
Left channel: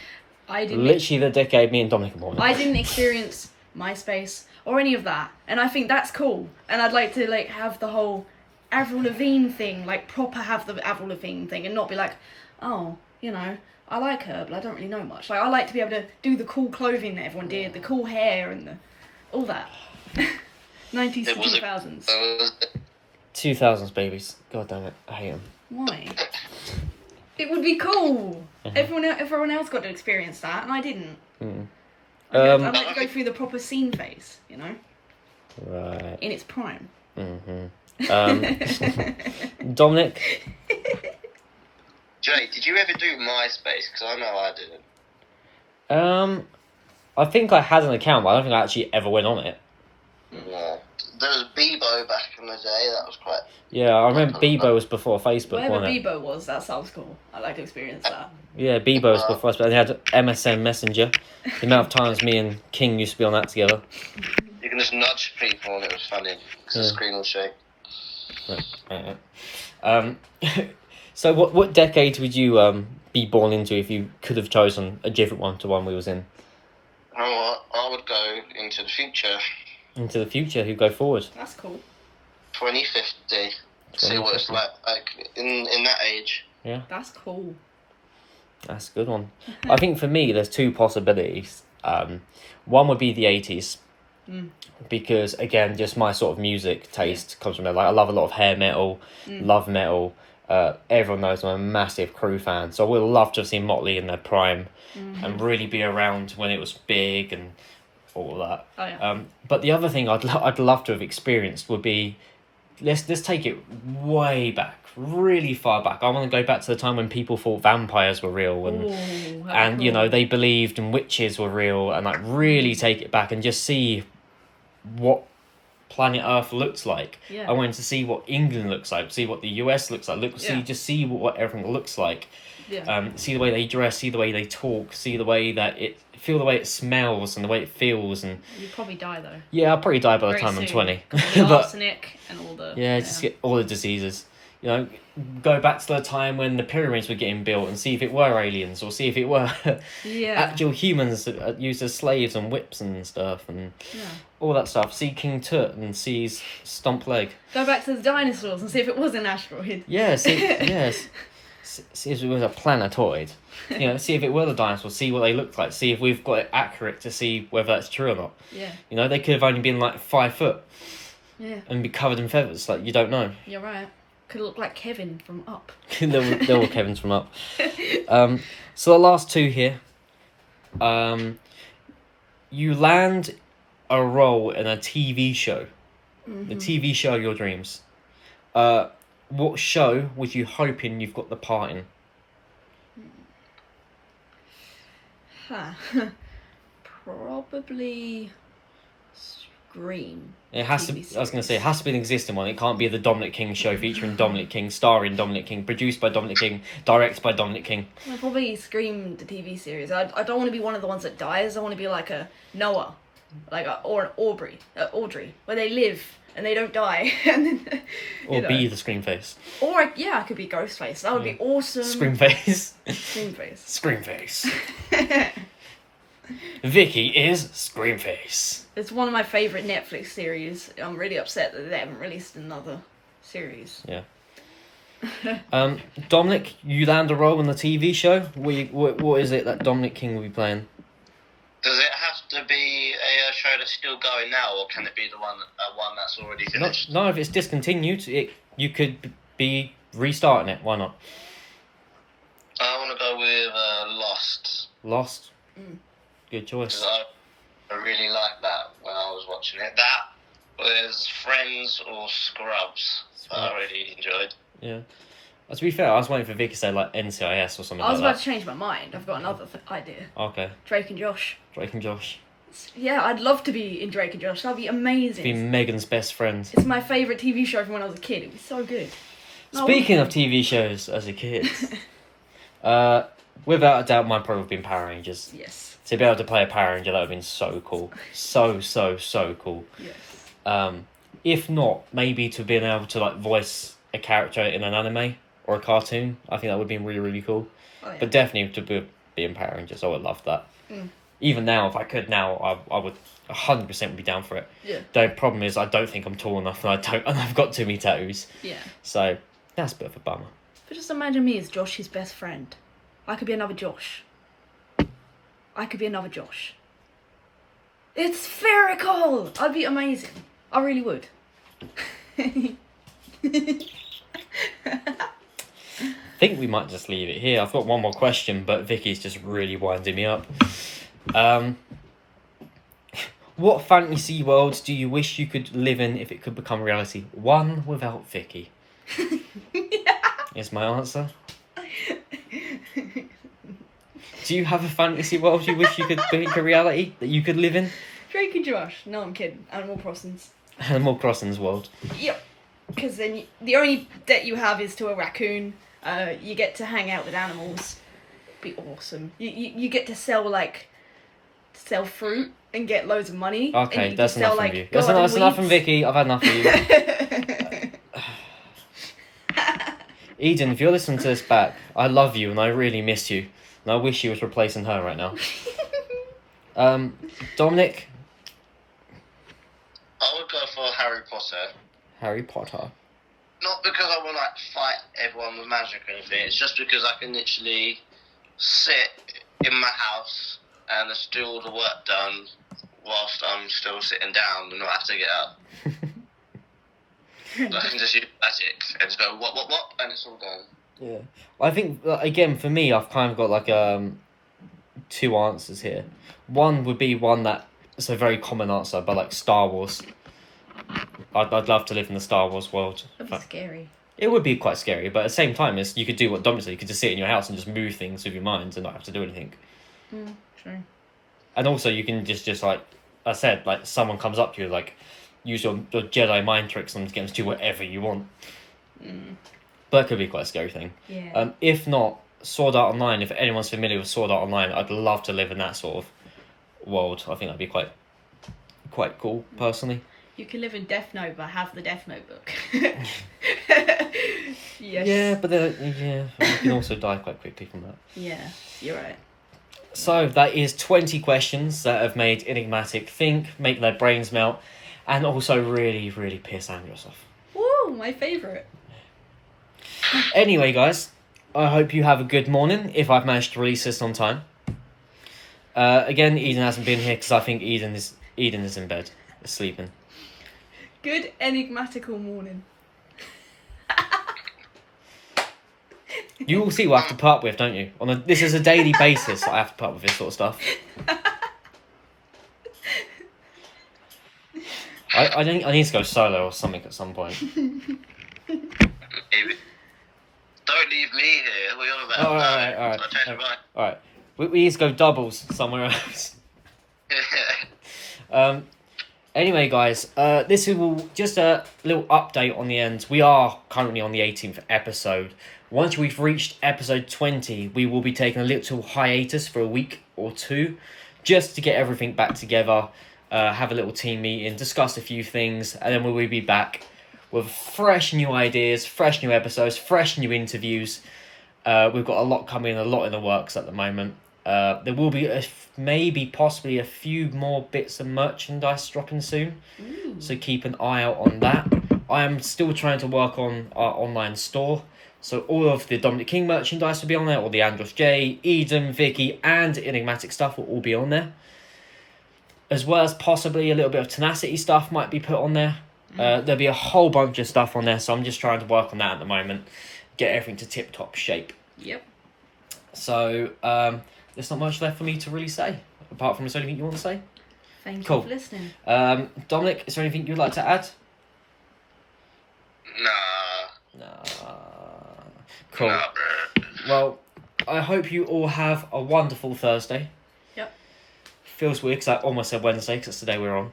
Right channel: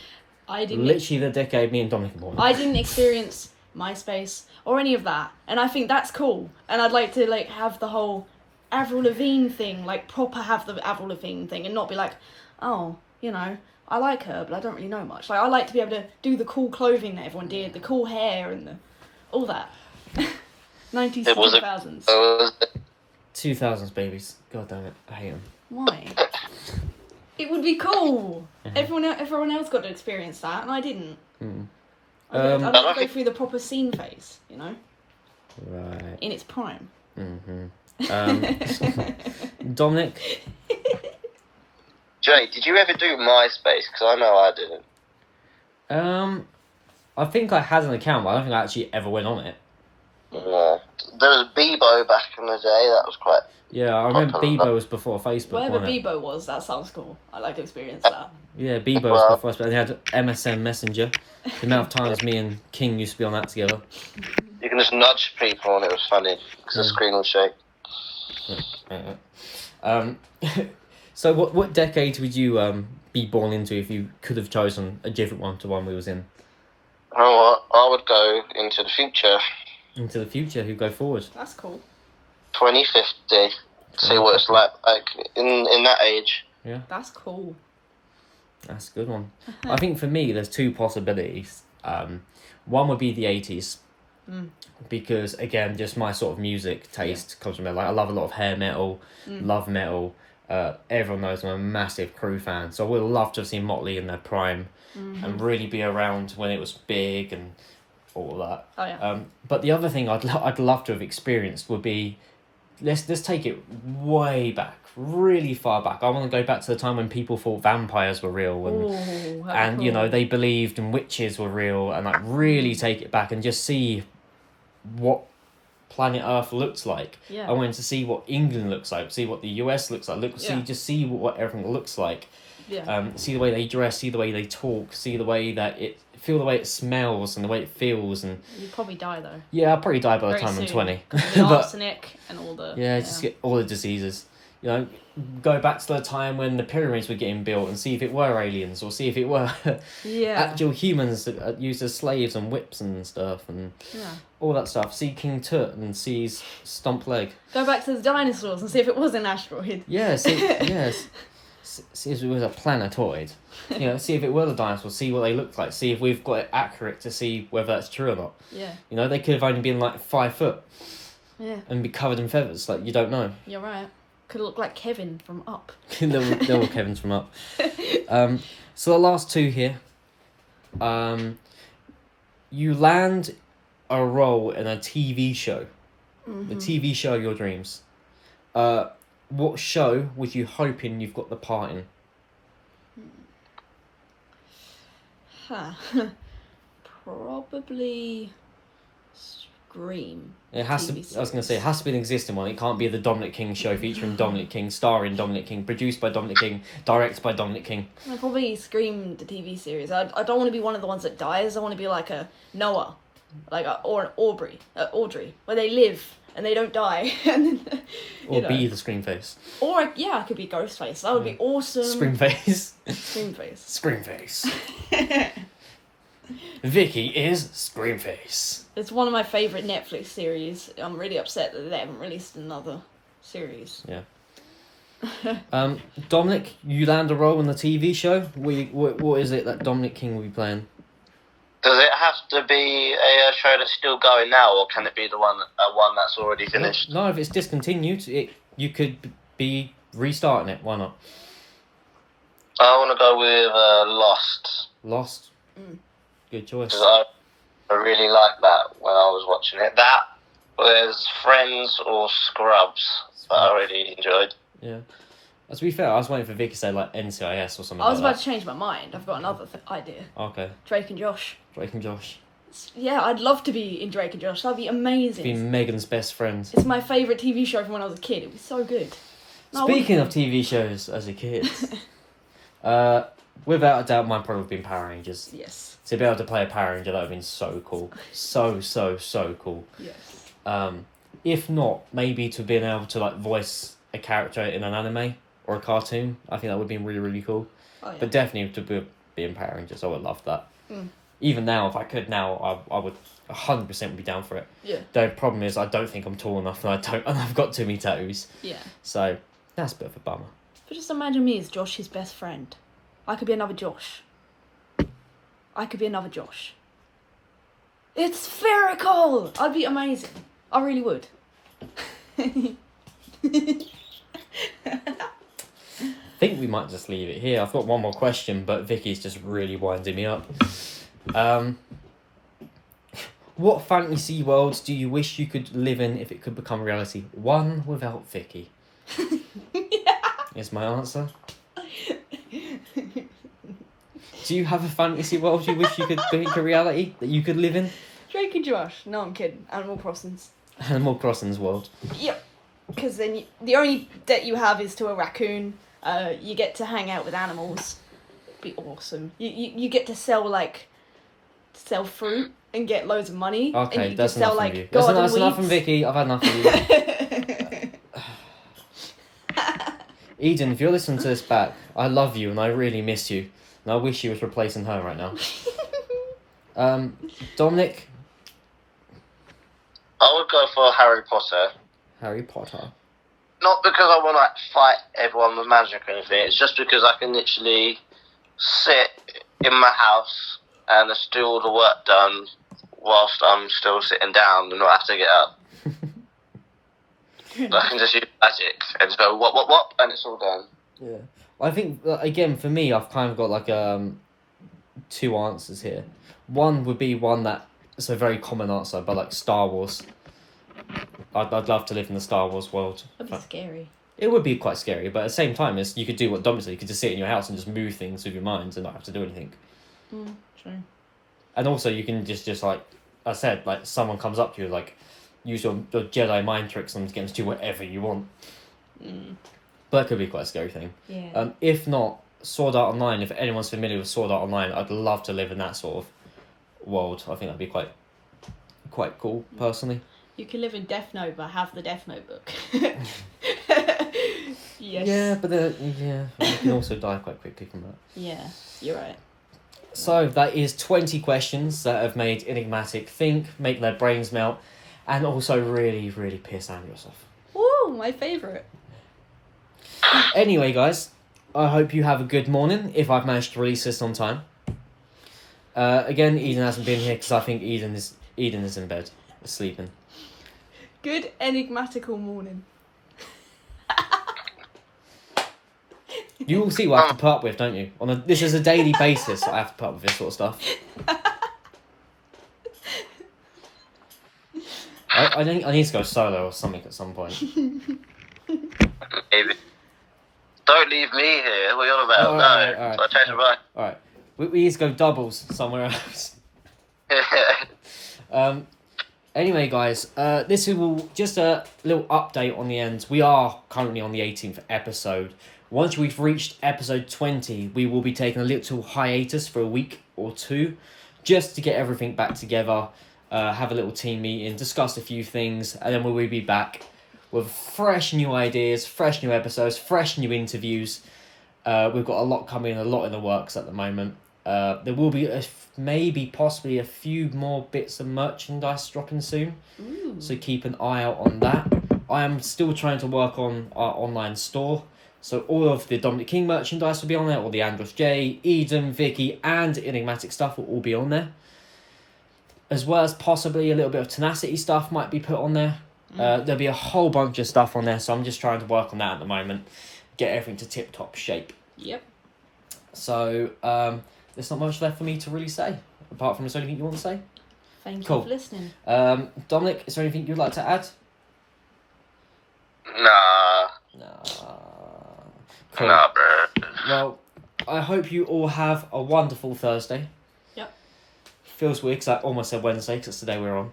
I didn't... Literally the decade me and Dominic were born in. I didn't experience MySpace or any of that. And I think that's cool. And I'd like to like have the whole Avril Lavigne thing, like proper have the Avril Lavigne thing and not be like, oh, you know, I like her, but I don't really know much. Like, I like to be able to do the cool clothing that everyone did, the cool hair and all that. 90s to 2000s. 2000s babies. God damn it, I hate them. Why? It would be cool. Everyone else got to experience that, and I didn't. I'd like to go through the proper scene phase, you know? Right. In its prime. Dominic? Jay, did you ever do MySpace? Because I know I didn't. I think I had an account, but I don't think I actually ever went on it. No. There was Bebo back in the day, that was quite... Yeah, I remember Bebo was before Facebook, Whatever wasn't it? Bebo was, that sounds cool. I'd like to experience that. Yeah, Bebo was before Facebook, and they had MSN Messenger. The amount of times me and King used to be on that together. You can just nudge people and it was funny, because the screen will shake. So what decade would you be born into if you could have chosen a different one to one we was in? You know what? I would go into the future. Into the future, who go forward? That's cool. 2050. See what it's like in that age. Yeah. That's cool. That's a good one. I think for me, there's 2 possibilities. One would be the 80s. Because, again, just my sort of music taste comes from there. Like, I love a lot of hair metal, love metal. Everyone knows I'm a massive Crew fan. So I would love to have seen Motley in their prime and really be around when it was big and all that. Oh, yeah. But the other thing I'd love to have experienced would be, let's take it way back, really far back. I want to go back to the time when people thought vampires were real and cool. you know, they believed and witches were real, and like really take it back and just see what planet Earth looks like. Yeah. I wanted to see what England looks like, see what the US looks like, see what everything looks like. Yeah. See the way they dress, see the way they talk, see the way that feel the way it smells and the way it feels. And you'd probably die though. yeah, I'll probably die by the Very time soon. I'm 20. The arsenic and all the... Yeah, just get all the diseases. You know, go back to the time when the pyramids were getting built and see if it were aliens, or see if it were actual humans that used as slaves and whips and stuff and all that stuff. See King Tut and see his stomp leg. Go back to the dinosaurs and see if it was an asteroid. Yeah, see if it was a planetoid. You know, see if it were the dinosaurs, see what they looked like, see if we've got it accurate to see whether that's true or not. Yeah. You know, they could have only been like 5 foot. Yeah. And be covered in feathers, like you don't know. You're right. Could look like Kevin from Up. They're all Kevins from Up. So the last 2 here. You land a role in a TV show. The TV show of your dreams. What show was you hoping you've got the part in? Probably Scream. It has to. TV I was going to say it has to be an existing one. It can't be the Dominic King show featuring Dominic King, starring Dominic King, produced by Dominic King, directed by Dominic King. Probably Scream, the TV series. I don't want to be one of the ones that dies. I want to be like a Noah, or an Audrey, where they live and they don't die. And then, or be the Scream face. Or I could be Ghostface. That would be awesome. Scream face. Scream face. Scream face. Vickie is Scream face. It's one of my favourite Netflix series. I'm really upset that they haven't released another series. Yeah. Dominic, you land a role in the TV show. What is it that Dominic King will be playing? Does it have to be a show that's still going now, or can it be the one that's already finished? No, if it's discontinued, you could be restarting it. Why not? I want to go with Lost. Lost. Good choice. Because I really liked that when I was watching it. That was Friends or Scrubs that I really enjoyed. Yeah. To be fair, I was waiting for Vickie to say like NCIS or something I was like about to change my mind. I've got another idea. that. Okay. Drake and Josh. Drake and Josh. Yeah, I'd love to be in Drake and Josh. That'd be amazing. Be Megan's best friend. It's my favourite TV show from when I was a kid. It'd be so good. No, Speaking of TV shows as a kid, without a doubt, mine probably would have been Power Rangers. Yes. To be able to play a Power Ranger, that would have been so cool. So cool. Yes. If not, maybe to being able to like voice a character in an anime or a cartoon, I think that would have been really, really cool. Oh, yeah. But definitely to be in Power Rangers, I would love that. Even now, if I could now, I would 100% be down for it. Yeah. The problem is I don't think I'm tall enough and I've got too many tattoos. Yeah. So that's a bit of a bummer. But just imagine me as Josh's best friend. I could be another Josh. It's spherical! I'd be amazing. I really would. I think we might just leave it here. I've got one more question, but Vickie's just really winding me up. What fantasy world do you wish you could live in if it could become reality? One without Vickie. Is my answer. Do you have a fantasy world you wish you could make a reality that you could live in? Drake and Josh. No, I'm kidding. Animal Crossings. Animal Crossing's world. Yep. Because then the only debt you have is to a raccoon. You get to hang out with animals. Be awesome. You get to sell fruit and get loads of money. Okay, that's enough from you. garden That's enough from weeds. Vickie. I've had enough of you. Eden, if you're listening to this back, I love you and I really miss you. And I wish you was replacing her right now. Dominic? I would go for Harry Potter. Harry Potter. Not because I want to like fight everyone with magic or anything. It's just because I can literally sit in my house and just do all the work done whilst I'm still sitting down and not have to get up. So I can just use magic and just go what, and it's all done. Yeah. I think, again, for me, I've kind of got like two answers here. One would be one that is a very common answer, but like Star Wars. I'd love to live in the Star Wars world. That'd be scary. It would be quite scary, but at the same time, you could do what Dominic said. You could just sit in your house and just move things with your mind and not have to do anything. True. And also, you can just like I said, like someone comes up to you, like use your Jedi mind tricks and get them to do whatever you want. But it could be quite a scary thing. Yeah. If not, Sword Art Online. If anyone's familiar with Sword Art Online, I'd love to live in that sort of world. I think that'd be quite cool, personally. You can live in Death Note, but have the Death Note book. Yes. Yeah, but you can also die quite quickly from that. Yeah, you're right. So that is 20 questions that have made Enigmatic think, make their brains melt, and also really, really piss Andros off. Woo, my favourite. Anyway, guys, I hope you have a good morning, if I've managed to release this on time. Again, Eden hasn't been here because I think Eden is in bed, sleeping. Good enigmatical morning. You will see what I have to put up with, don't you? This is a daily basis that I have to put up with this sort of stuff. I need to go solo or something at some point. Maybe. Don't leave me here. What are you on about? All right. So I changed my mind. Alright. We need to go doubles somewhere else. Anyway, guys, this will just a little update on the end. We are currently on the 18th episode. Once we've reached episode 20, we will be taking a little hiatus for a week or two, just to get everything back together, have a little team meeting, discuss a few things, and then we will be back with fresh new ideas, fresh new episodes, fresh new interviews. We've got a lot coming, a lot in the works at the moment. There will be possibly a few more bits of merchandise dropping soon. Ooh. So keep an eye out on that. I am still trying to work on our online store. So all of the Dominic King merchandise will be on there, all the Andros J, Eden, Vickie, and Enigmatic stuff will all be on there. As well as possibly a little bit of Tenacity stuff might be put on there. There'll be a whole bunch of stuff on there, so I'm just trying to work on that at the moment. Get everything to tip-top shape. Yep. So, there's not much left for me to really say, apart from is there anything you want to say? Thank Cool. you for listening. Dominic, is there anything you'd like to add? Nah. Nah. Cool. Nah, bro. Well, I hope you all have a wonderful Thursday. Yep. Feels weird because I almost said Wednesday because it's the day we're on.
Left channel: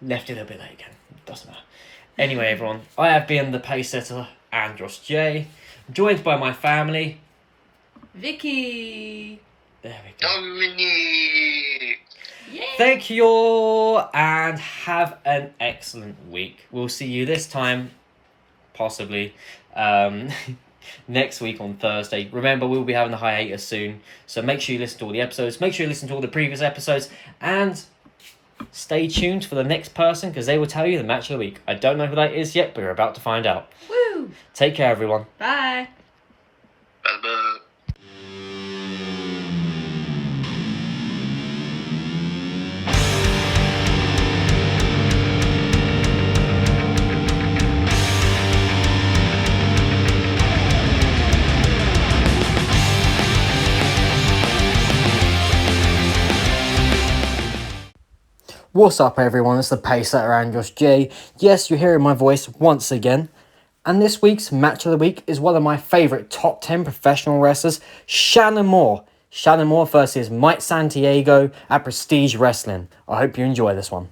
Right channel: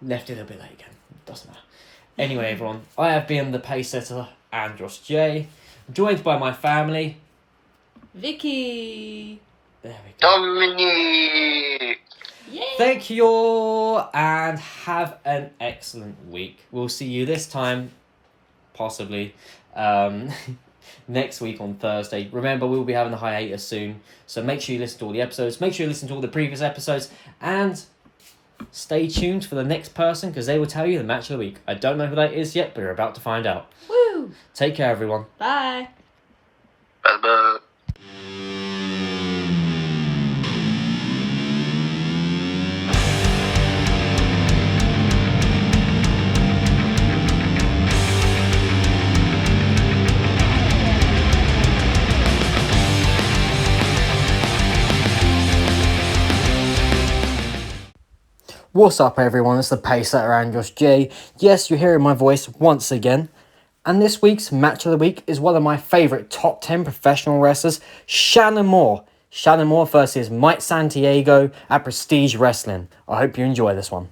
Left it a little bit late again. Doesn't matter. Anyway, everyone, I have been the pace setter, Andros J, joined by my family. Vickie. There we go. Dominique. Yay. Thank you all and have an excellent week. We'll see you this time, possibly, next week on Thursday. Remember, we'll be having a hiatus soon, so make sure you listen to all the episodes. Make sure you listen to all the previous episodes and stay tuned for the next person because they will tell you the match of the week. I don't know who that is yet, but you're about to find out. Woo. Take care, everyone. Bye. Bye-bye. What's up, everyone? It's the pace setter, Andros J. Yes, you're hearing my voice once again. And this week's match of the week is one of my favourite top 10 professional wrestlers, Shannon Moore. Shannon Moore versus Mike Santiago at Prestige Wrestling. I hope you enjoy this one.